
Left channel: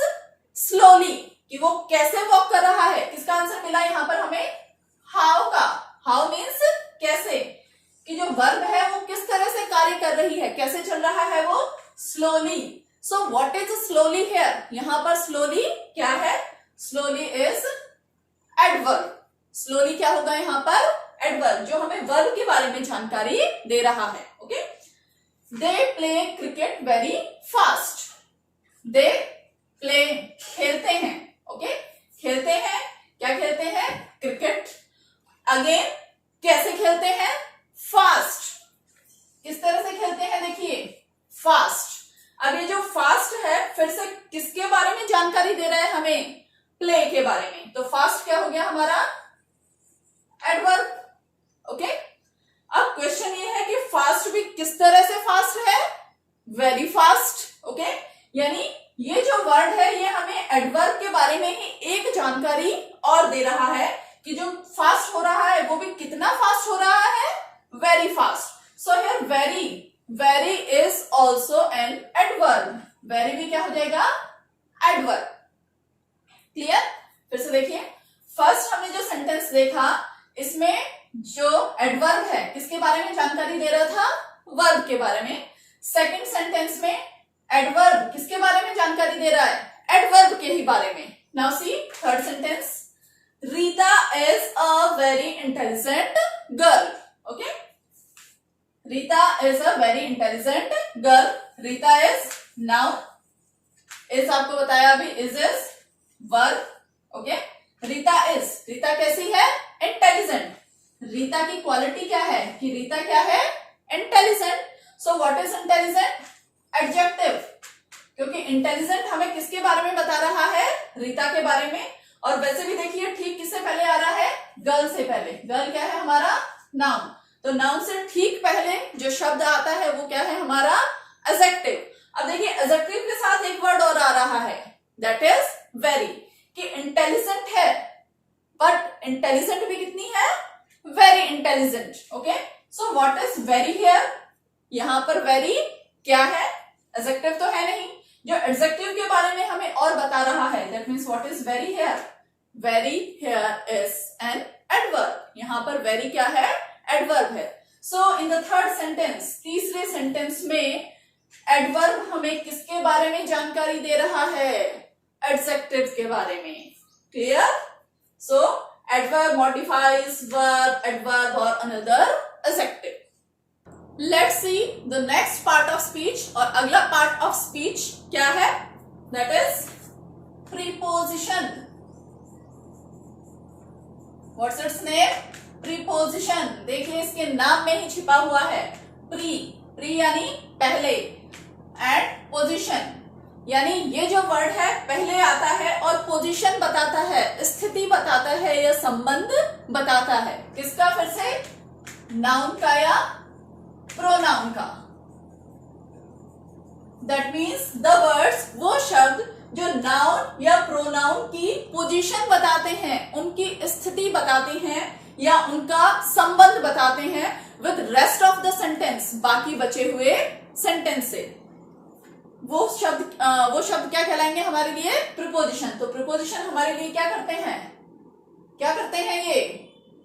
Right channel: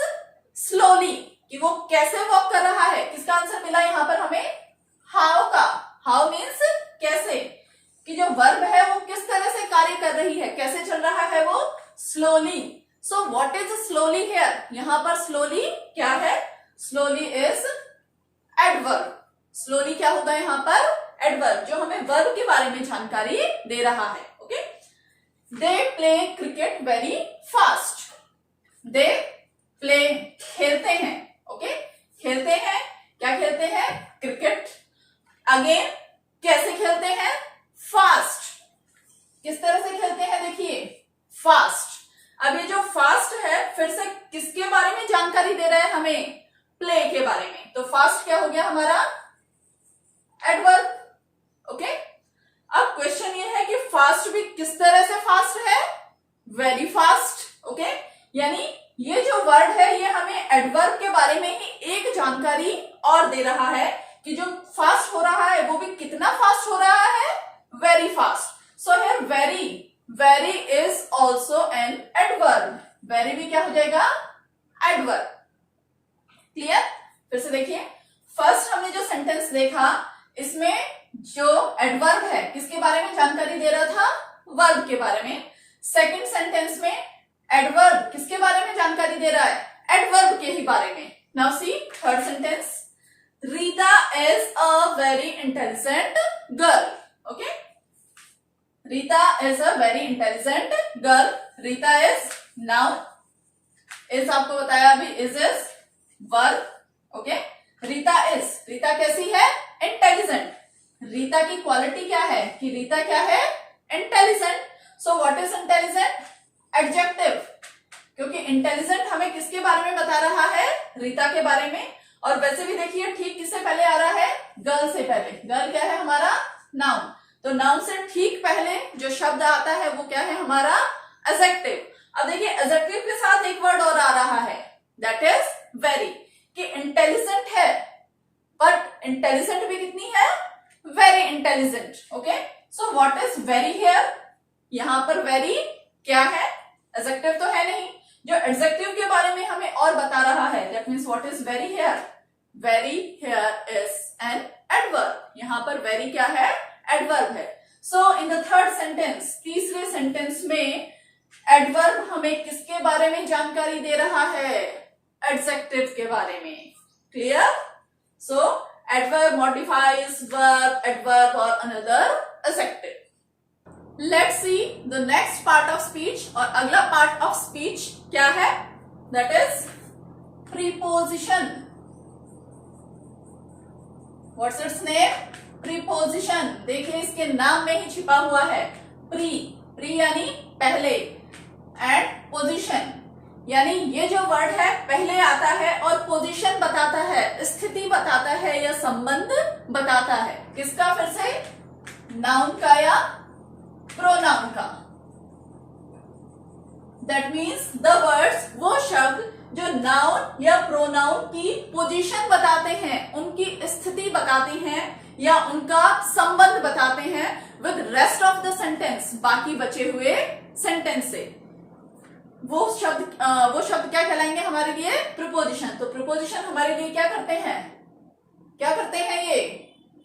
slowly, कि वो कैसे वॉक कर रहा है। किसका आंसर मिला यहाँ पर हमें, हाउ का। हाउ मीन्स कैसे, कि जो वर्ब है वो किस तरह से कार्य कर रही है, कैसे चल रहा है वो, slowly. So what is slowly here, यहां पर स्लोली क्या है, स्लोली इज एडवर्ब। स्लोली क्या होगा यहाँ पर? एडवर्ब, जो हमें वर्ब के बारे में जानकारी दे रहा है। Okay, they play cricket very fast. They play, खेलते हैं। ओके, खेलते हैं, क्या खेलते हैं? क्रिकेट। अगेन, कैसे खेलते हैं? फास्ट। किस तरह से खेलते हैं? देखिए, फास्ट। अब ये जो फास्ट है फिर से किसके बारे में जानकारी दे रहा है हमें? प्ले के बारे में। तो फास्ट क्या हो गया हमारा? एडवर्ब। ओके, अब क्वेश्चन ये है कि फास्ट भी किस तरह से फास्ट है? Very fast. ओके, यानी ये जो वर्ड है ये हमें एडवर्ब के बारे में ही एक जानकारी और दे रहा है कि जो फास्ट हो रहा है वो भी कितना फास्ट हो रहा है? Very fast. So here very is also an adverb. Very भी क्या हो जाएगा? एडवर्ब। क्लियर? फिर से देखिए, फर्स्ट हमने जो सेंटेंस देखा इसमें जो एडवर्ब है किसके बारे में जानकारी दे रहा था? वर्ब के बारे में। सेकंड सेंटेंस में एडवर्ब किसके बारे में जानकारी दे रहा है? एडवर्ब के ही बारे में। Now see third sentence, Rita is a very intelligent girl. Okay, Rita is a very intelligent girl. Rita is noun, is आपको बताया अभी, इज वर्ब। ओके, रीता कैसी है? इंटेलिजेंट। रीता की क्वालिटी क्या है? कि रीता क्या है? Intelligent. So what is intelligent? Adjective, क्योंकि इंटेलिजेंट हमें किसके बारे में बता रहा है? रीता के बारे में। और वैसे भी देखिए ठीक किससे पहले आ रहा है? गर्ल से पहले। गर्ल क्या है हमारा? नाउन। तो नाउन से ठीक पहले जो शब्द आता है वो क्या है हमारा? एडजेक्टिव। अब देखिए एडजेक्टिव के साथ एक वर्ड और आ रहा है, दैट इज वेरी। कि इंटेलिजेंट है बट इंटेलिजेंट भी कितनी है? Very intelligent. Okay, so what is very here? यहां पर वेरी क्या है? एडजेक्टिव तो है नहीं। जो एडजेक्टिव के बारे में हमें और बता रहा है, that means what is very here? Very here is an adverb. यहां पर वेरी क्या है? एडवर्ब है। सो इन द थर्ड सेंटेंस, तीसरे सेंटेंस में एडवर्ब हमें किसके बारे में जानकारी दे रहा है? एडजेक्टिव के बारे में। क्लियर? सो एडवर्ब मॉडिफाइज वर्ब, एडवर्ब और another adjective. Let's see the next part of speech. और अगला पार्ट ऑफ स्पीच क्या है? That is preposition. What's it's name? Preposition. देखिए इसके नाम में ही छिपा हुआ है प्री यानी पहले, एंड पोजिशन यानी ये जो वर्ड है पहले आता है और पोजीशन बताता है, स्थिति बताता है या संबंध बताता है। किसका? फिर से नाउन का या प्रोनाउन का। दैट मीन्स द वर्ड्स, वो शब्द जो नाउन या प्रोनाउन की पोजीशन बताते हैं, उनकी स्थिति बताते हैं या उनका संबंध बताते हैं with rest of the sentence, बाकी बचे हुए सेंटेंस से। वो शब्द क्या कहलाएंगे हमारे लिए? प्रीपोजिशन। तो प्रीपोजिशन हमारे लिए क्या करते हैं? ये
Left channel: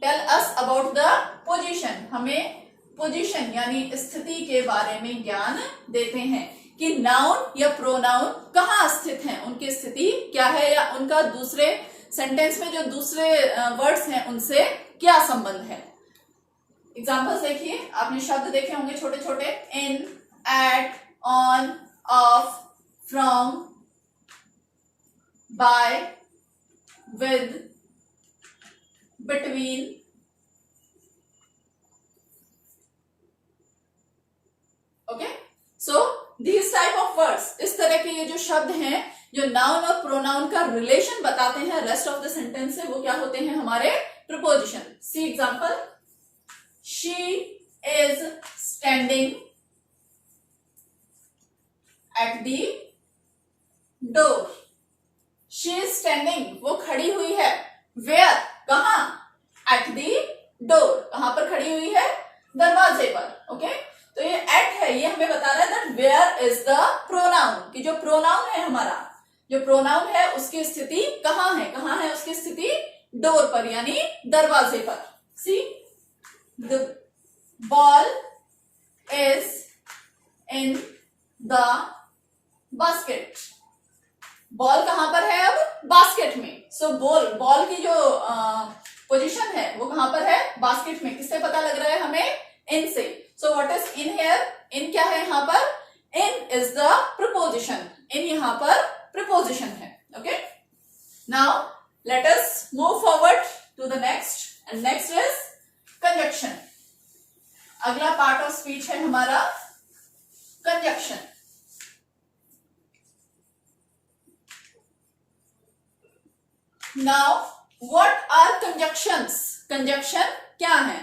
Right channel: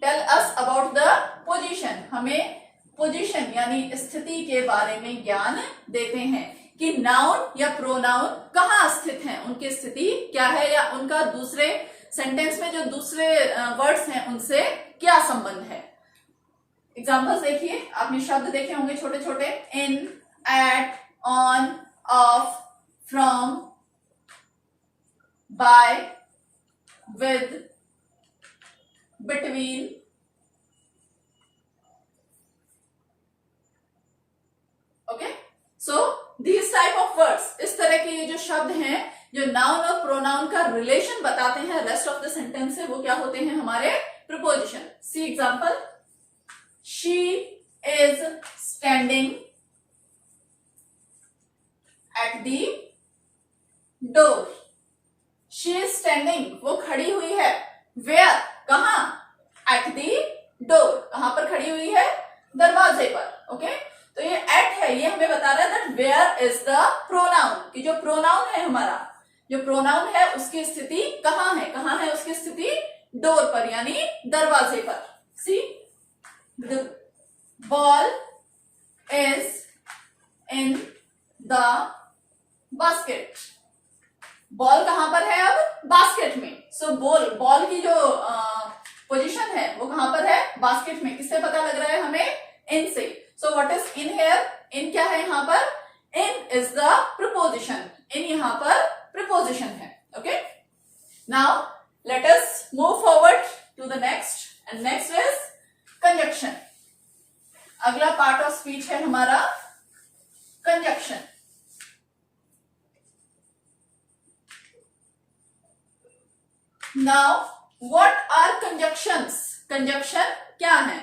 tell us about the position. हमें पोजीशन यानी स्थिति के बारे में ज्ञान देते हैं कि नाउन या प्रोनाउन कहाँ स्थित हैं, उनकी स्थिति क्या है या उनका दूसरे सेंटेंस में जो दूसरे वर्ड्स हैं उनसे क्या संबंध है। एग्जाम्पल्स देखिए, आपने शब्द देखे होंगे छोटे छोटे, in, at, on, of, from, by, with, between. Okay, so these type of words, इस तरह के ये जो शब्द हैं जो नाउन और प्रोनाउन का रिलेशन बताते हैं रेस्ट ऑफ द सेंटेंस से, वो क्या होते हैं? हमारे preposition. See example, she is standing at the door. She is standing, वो खड़ी हुई है। वेयर? कहां? At the door. कहां पर खड़ी हुई है? दरवाजे पर। ओके, तो ये एट है, ये हमें बता रहा है that where is the pronoun, कि जो प्रोनाउन है हमारा, जो प्रोनाउन है उसकी स्थिति कहां है? कहां है उसकी स्थिति? डोर पर यानी दरवाजे पर। See, the ball is in the basket. Ball कहां पर है अब? बास्केट में। सो बॉल की जो पोजीशन है वो कहां पर है? बास्केट में। किससे पता लग रहा है हमें? इन से। So what is in here? In क्या है यहाँ पर? In is the preposition. In यहाँ पर प्रीपोजिशन है। Okay, now let us move forward to the next, and next is conjunction. अगला पार्ट ऑफ स्पीच है हमारा conjunction. Now what are conjunctions? Conjunction क्या है?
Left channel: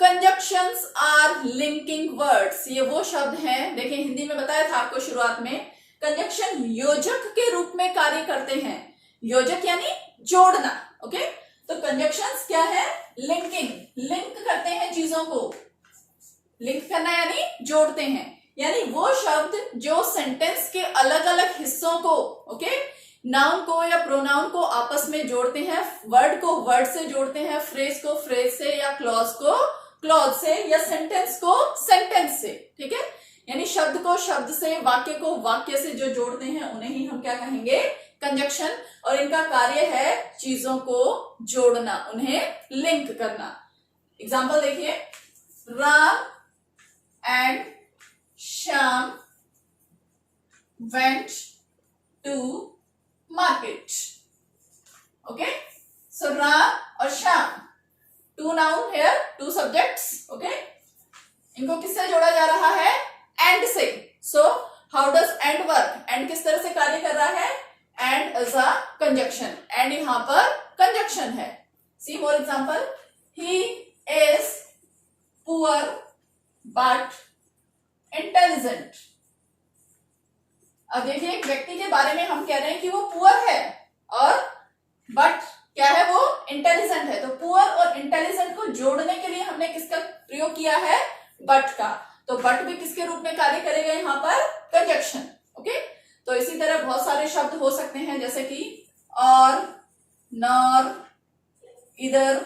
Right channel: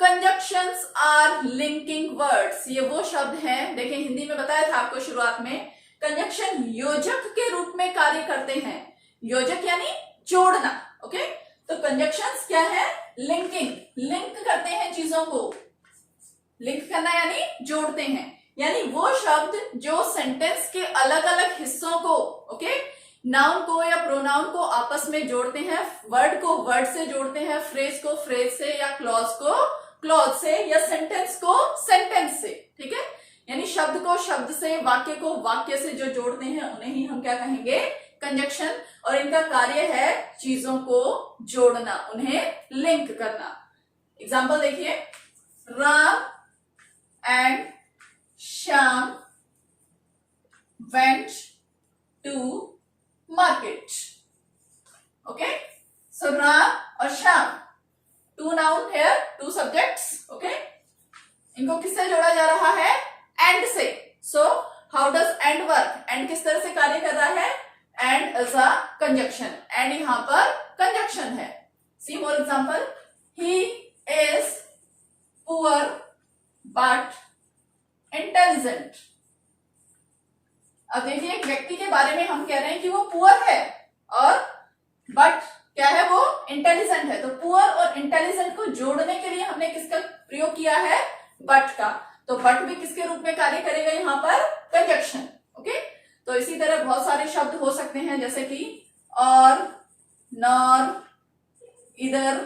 Conjunctions are linking words. ये वो शब्द हैं, देखिए हिंदी में बताया था आपको शुरुआत में, कंजक्शन योजक के रूप में कार्य करते हैं। योजक यानी जोड़ना। ओके, तो कंजक्शंस क्या है? लिंकिंग, लिंक करते हैं चीजों को। लिंक करना यानी जोड़ते हैं, यानी वो शब्द जो सेंटेंस के अलग अलग हिस्सों को, ओके, नाउन को या प्रोनाउन को आपस में जोड़ते हैं, वर्ड को वर्ड से जोड़ते हैं, फ्रेज को फ्रेज से, या क्लॉज को क्लॉज से, या सेंटेंस को सेंटेंस से। ठीक है, यानी शब्द को शब्द से, वाक्य को वाक्य से जो जोड़ते हैं उन्हें ही हम क्या कहेंगे? कंजक्शन। और इनका कार्य है चीजों को जोड़ना, उन्हें लिंक करना। एग्जाम्पल देखिए, Ram and Shyam went to market. Okay, so Ram और Shyam, two noun here, two subjects. Okay, इनको किससे जोड़ा जा रहा है? एंड से। So how does and work? And किस तरह से कार्य कर रहा है? And is a conjunction. And यहां पर कंजक्शन है। See more example, he is poor but intelligent. अब देखिए, एक व्यक्ति के बारे में हम कह रहे हैं कि वो पुअर है, और बट क्या है? वो इंटेलिजेंट है। तो पुअर और इंटेलिजेंट को जोड़ने के लिए हमने किसका प्रयोग किया है? बट का। तो बट भी किसके रूप में कार्य करेगा यहाँ पर? कंजक्शन। ओके, तो इसी तरह बहुत सारे शब्द हो सकते हैं, जैसे कि और, nor, either,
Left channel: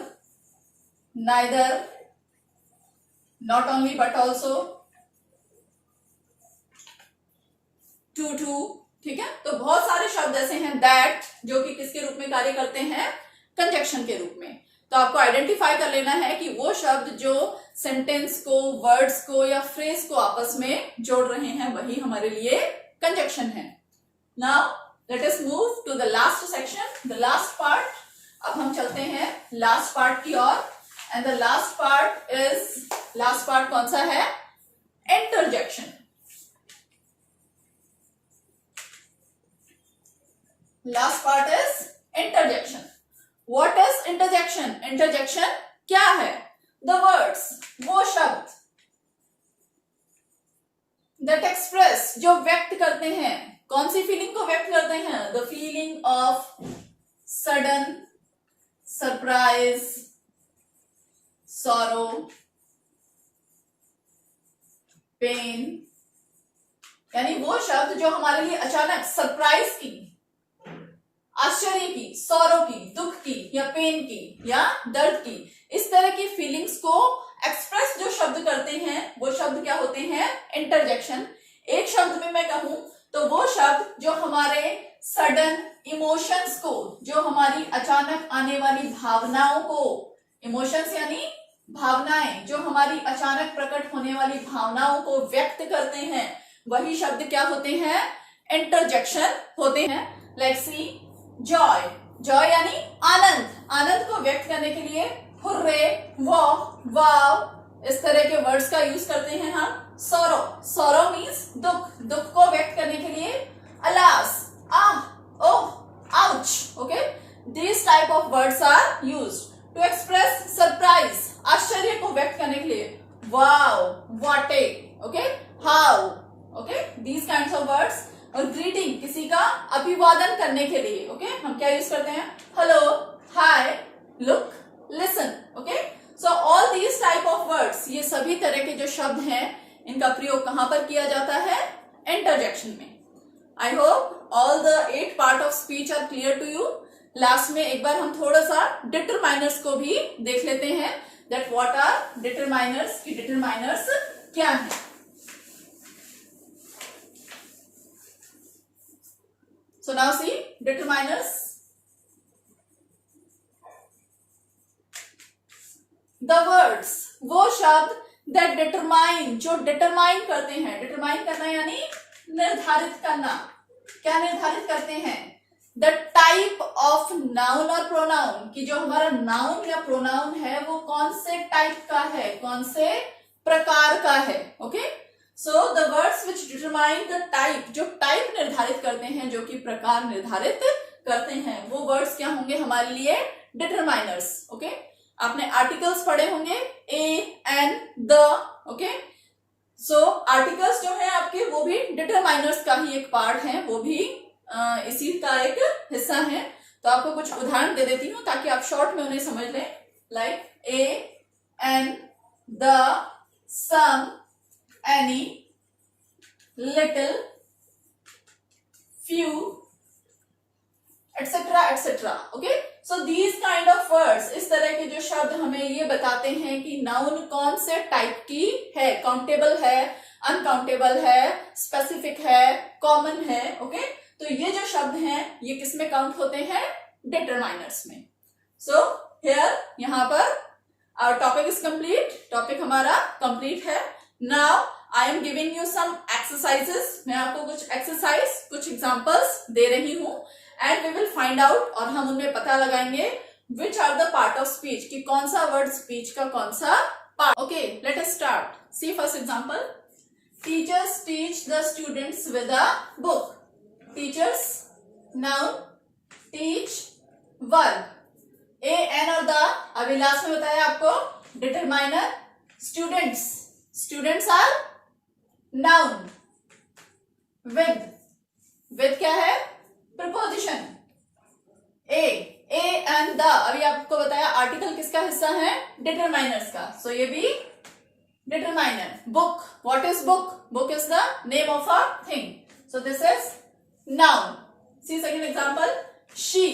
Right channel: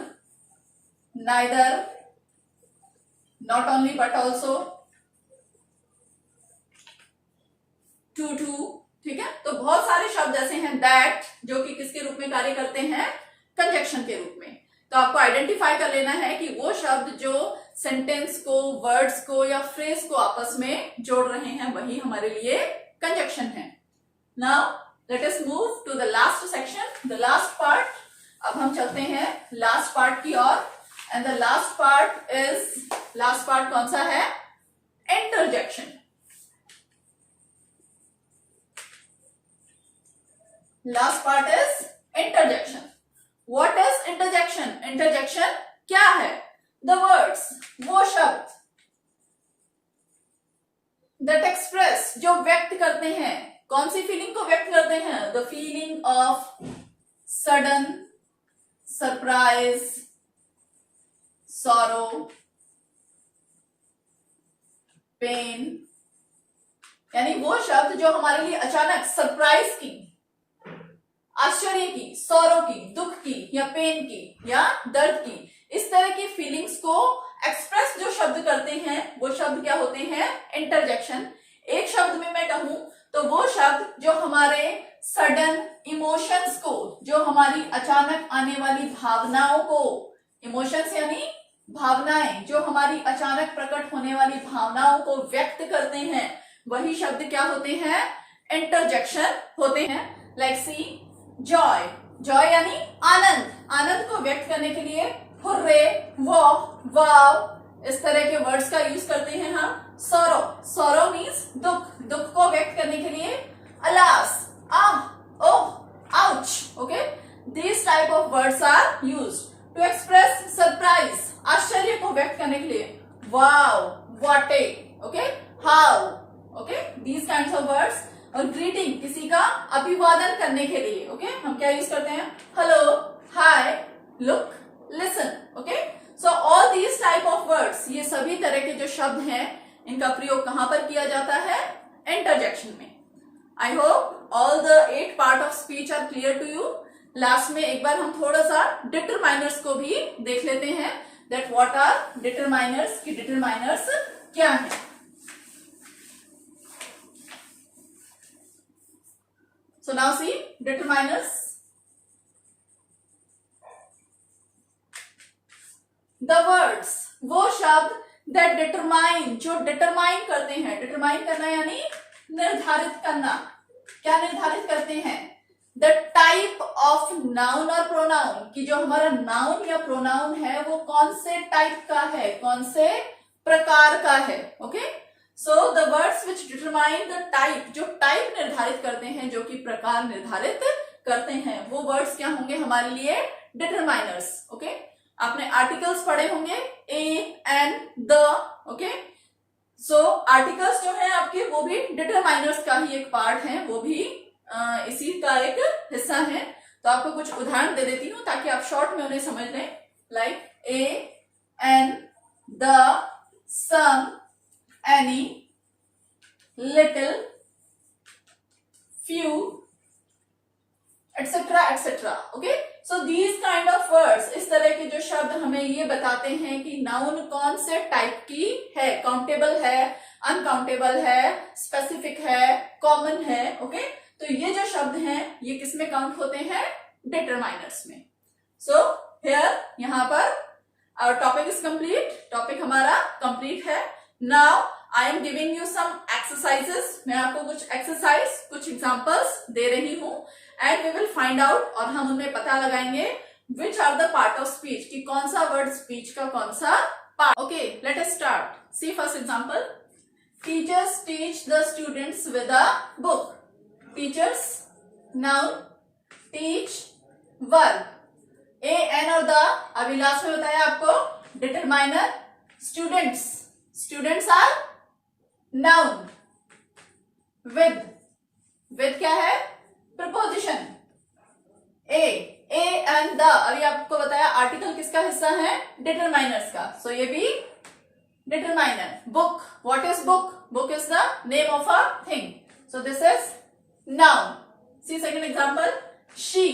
neither, not only but also, too. ठीक है, तो बहुत सारे शब्द ऐसे हैं दैट, जो कि किसके रूप में कार्य करते हैं? कंजक्शन के रूप में। तो आपको आइडेंटिफाई कर लेना है कि वो शब्द जो सेंटेंस को, वर्ड्स को या फ्रेज को आपस में जोड़ रहे हैं, वही हमारे लिए कंजक्शन है। Now let us move to the last section, the last part. अब हम चलते हैं लास्ट पार्ट की ओर, एंड द लास्ट पार्ट कौन सा है? Interjection. Last part is interjection. What is interjection? Interjection क्या है? द वर्ड्स, वो शब्द, दैट एक्सप्रेस, जो व्यक्त करते हैं, कौन सी फीलिंग को व्यक्त करते हैं? The feeling of sudden, surprise, sorrow, pain. यानी वो शब्द जो हमारे लिए अचानक सरप्राइज की, आश्चर्य की, सौरो की, दुख की, या पेन की, या दर्द की, इस तरह की फीलिंग्स को एक्सप्रेस जो शब्द करते हैं, वो शब्द क्या होते हैं? इंटरजेक्शन। एक शब्द में मैं कहूं तो वो शब्द जो हमारे सडन इमोशंस को, जो हमारी अचानक आने वाली भावनाओं को, इमोशंस यानी भावनाएं, जो हमारी अचानक प्रकट होने वाली भावनाओं को व्यक्त करते हैं, वही शब्द क्या होते हैं? इंटरजेक्शन होते हैं। लाइक सी, जॉय, जॉय यानी आनंद, आनंद को व्यक्त करने के लिए हुर्रे, वाव, इस तरह के वर्ड्स का यूज करते हैं हम। सौरो, सौरो मीन्स दुख, दुख को व्यक्त करने के लिए alas, ah, oh, ouch. Okay, this type of words are used to express surprise, आश्चर्य को व्यक्त करने के लिए wow, what, okay, how, okay, these kinds of words. और ग्रीटिंग, किसी का अभिवादन करने के लिए, ओके, हम क्या यूज करते हैं? Hello, hi, look, listen. Okay, so all these type of words, ये सभी तरह के जो शब्द हैं, इनका प्रयोग कहां पर किया जाता है? इंटरजेक्शन में। I hope all the 8 part of speech are clear to you. Last में एक बार हम थोड़ा सा डिटरमाइनर्स को भी देख लेते हैं, दैट व्हाट आर डिटरमाइनर्स, की डिटरमाइनर्स क्या है। So now see determiners. The words, वो शब्द that determine, जो determine करते हैं, determine करना यानी निर्धारित करना, क्या निर्धारित करते हैं? The type of noun और pronoun, कि जो हमारा noun या pronoun है वो कौन से type का है, कौन से प्रकार का है. Okay? So the words which determine the type, जो type निर्धारित करते हैं, जो कि प्रकार निर्धारित करते हैं, वो words क्या होंगे हमारे लिए? Determiners. Okay? आपने आर्टिकल्स पढ़े होंगे a, an, the. Okay, so articles जो है आपके वो भी डिटरमाइनर्स का ही एक पार्ट है, वो भी इसी का एक हिस्सा है. तो आपको कुछ उदाहरण दे देती हूँ ताकि आप शॉर्ट में उन्हें समझ लें. Like a, an, the, some, any, little, few, etc etc. Okay, so these kind of words, इस तरह के जो शब्द हमें ये बताते हैं कि नाउन कौन से टाइप की है, काउंटेबल है, अनकाउंटेबल है, स्पेसिफिक है, कॉमन है. ओके, तो ये जो शब्द हैं ये किस में काउंट होते हैं? डिटरमाइनर्स में. सो हियर, यहाँ पर our topic is complete. Topic हमारा कंप्लीट है. Now I am giving you some exercises. मैं आपको कुछ एक्सरसाइज, कुछ एग्जांपल्स दे रही हूं and we will find out, और हम उनमें पता लगाएंगे which are the part of speech, कि कौन सा वर्ड स्पीच का कौन सा part. Okay, let us start. See first example. Teachers teach the students with a book. Teachers noun, teach verb. A, an और द अभी लास्ट में बताया आपको determiner. Students, students are noun. With क्या है? प्रपोजिशन. ए एंड द अभी आपको बताया आर्टिकल किसका हिस्सा है? डिटरमाइनर्स का. सो ये भी determiner. Book, what is book? Book is the name of a thing. So this is noun. See second example. She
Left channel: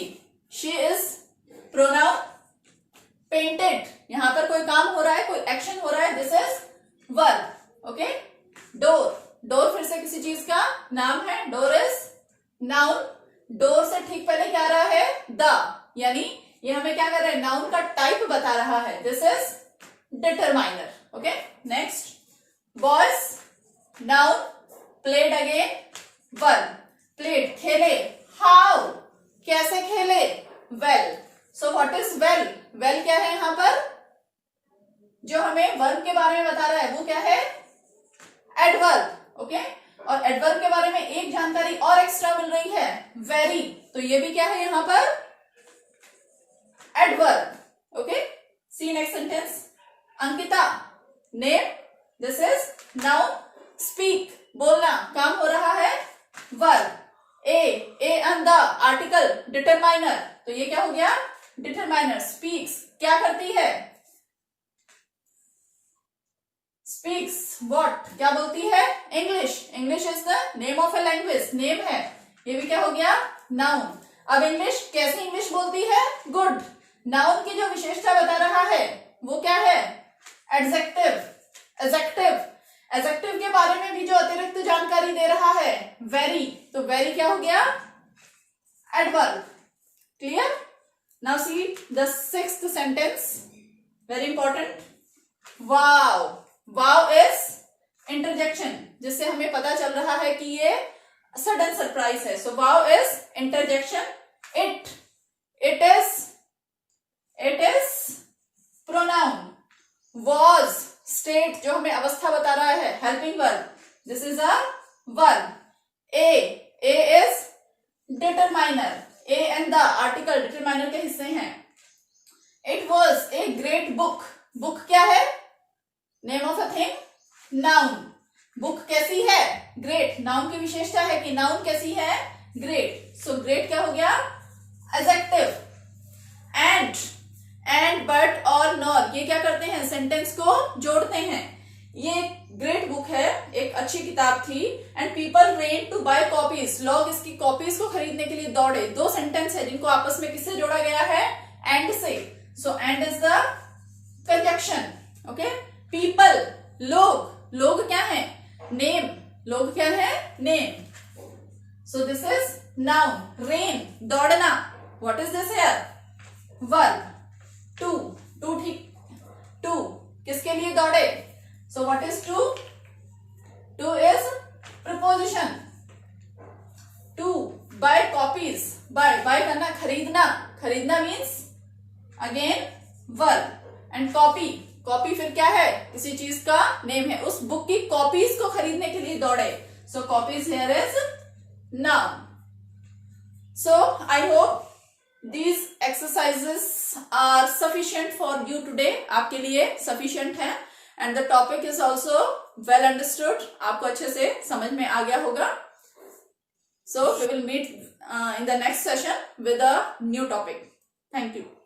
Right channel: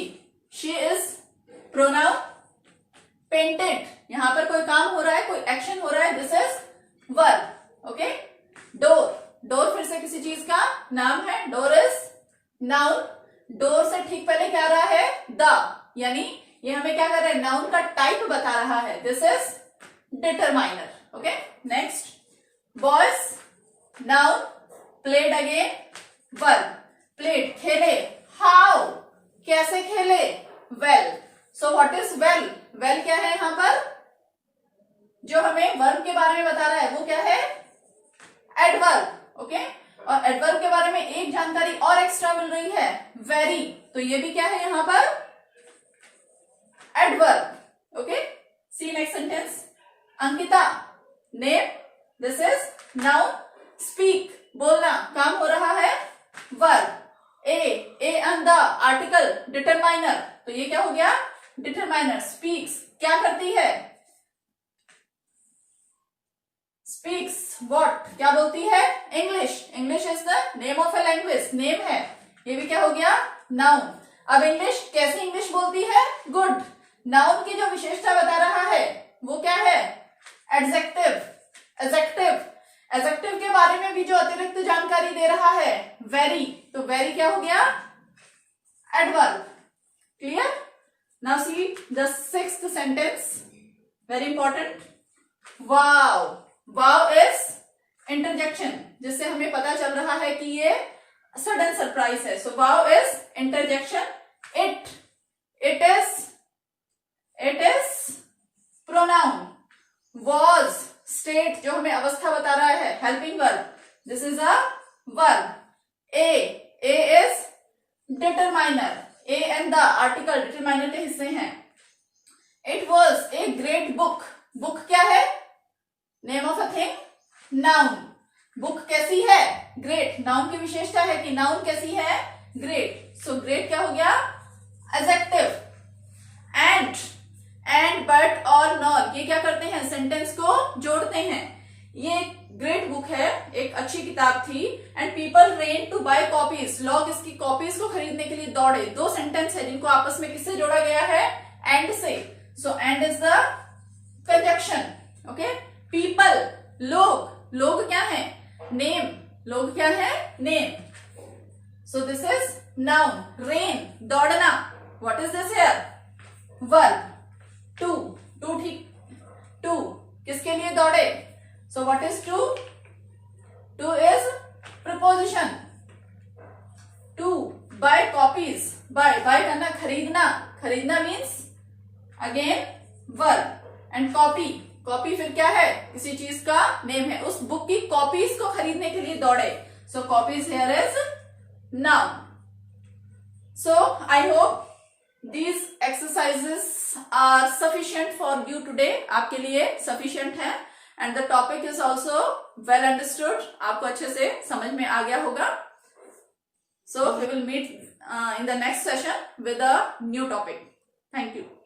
is pronoun. Painted, यहां पर कोई काम हो रहा है, कोई एक्शन हो रहा है, this is verb. Okay. Door फिर से किसी चीज का नाम है. Door is noun. डोर से ठीक पहले क्या आ रहा है? द, यानी ये हमें क्या कर रहा है? नाउन का टाइप बता रहा है. This is determiner. Okay, next. Boys noun. Played again verb. Played, खेले. हाउ, कैसे खेले? Well. So what is well? Well क्या है यहां पर? जो हमें वर्ब के बारे में बता रहा है वो क्या है? एडवर्ब. ओके, और एडवर्ब के बारे में एक जानकारी और एक्स्ट्रा मिल रही है, वेरी. तो ये भी क्या है यहां पर? Adverb. Okay, see next sentence. Ankita name. This is noun. Speak, बोलना, काम हो रहा है, verb. A and the article, determiner. तो ये क्या हो गया? डिटरमाइनर. स्पीक्स, क्या करती है? स्पीक्स व्हाट, क्या बोलती है? English. English is the name of a language, name है. ये भी क्या हो गया? नाउन. अब इंग्लिश, कैसी इंग्लिश बोलती है? गुड. नाउन की जो विशेषता बता रहा है वो क्या है? एडजेक्टिव. एडजेक्टिव के बारे में भी जो अतिरिक्त जानकारी दे रहा है, वेरी. तो वेरी क्या हो गया? Adverb. Clear? Now see the sixth sentence, very important. Wow. Wow is interjection, जिससे हमें पता चल रहा है कि ये सडन सरप्राइज है. So wow is interjection. It is pronoun. Was, state, जो हमें अवस्था बता रहा है, helping verb. This is a verb. A is determiner. A and the article determiner के हिस्से हैं. It was a great book. Book क्या है? Name of a thing, noun. Book कैसी है? ग्रेट. नाउन की विशेषता है कि नाउन कैसी है? ग्रेट. सो ग्रेट क्या हो गया? एडजेक्टिव. एंड बट और नॉर, ये क्या करते हैं? सेंटेंस को जोड़ते हैं. ये ग्रेट बुक है, एक अच्छी किताब थी. And people ran to buy copies. लोग इसकी कॉपीज को खरीदने के लिए दौड़े. दो सेंटेंस है जिनको आपस में किससे जोड़ा गया है? एंड से. So and is the conjunction. Okay. People, लोग क्या है? नेम. लोग क्या है? Name. So this is Noun, rain, दौड़ना. What is this here? Verb, to, to, किसके लिए दौड़े? So what is to? To is preposition. To buy copies. Buy करना, खरीदना means again verb. And copy फिर क्या है? किसी चीज का नेम है. उस बुक की कॉपीज को खरीदने के लिए दौड़े. So copies here is noun. So I hope these exercises are sufficient for you today. आपके लिए sufficient है. And the topic is also well understood. आपको अच्छे से समझ में आ गया होगा. So we will meet in the next session with a new topic. Thank you.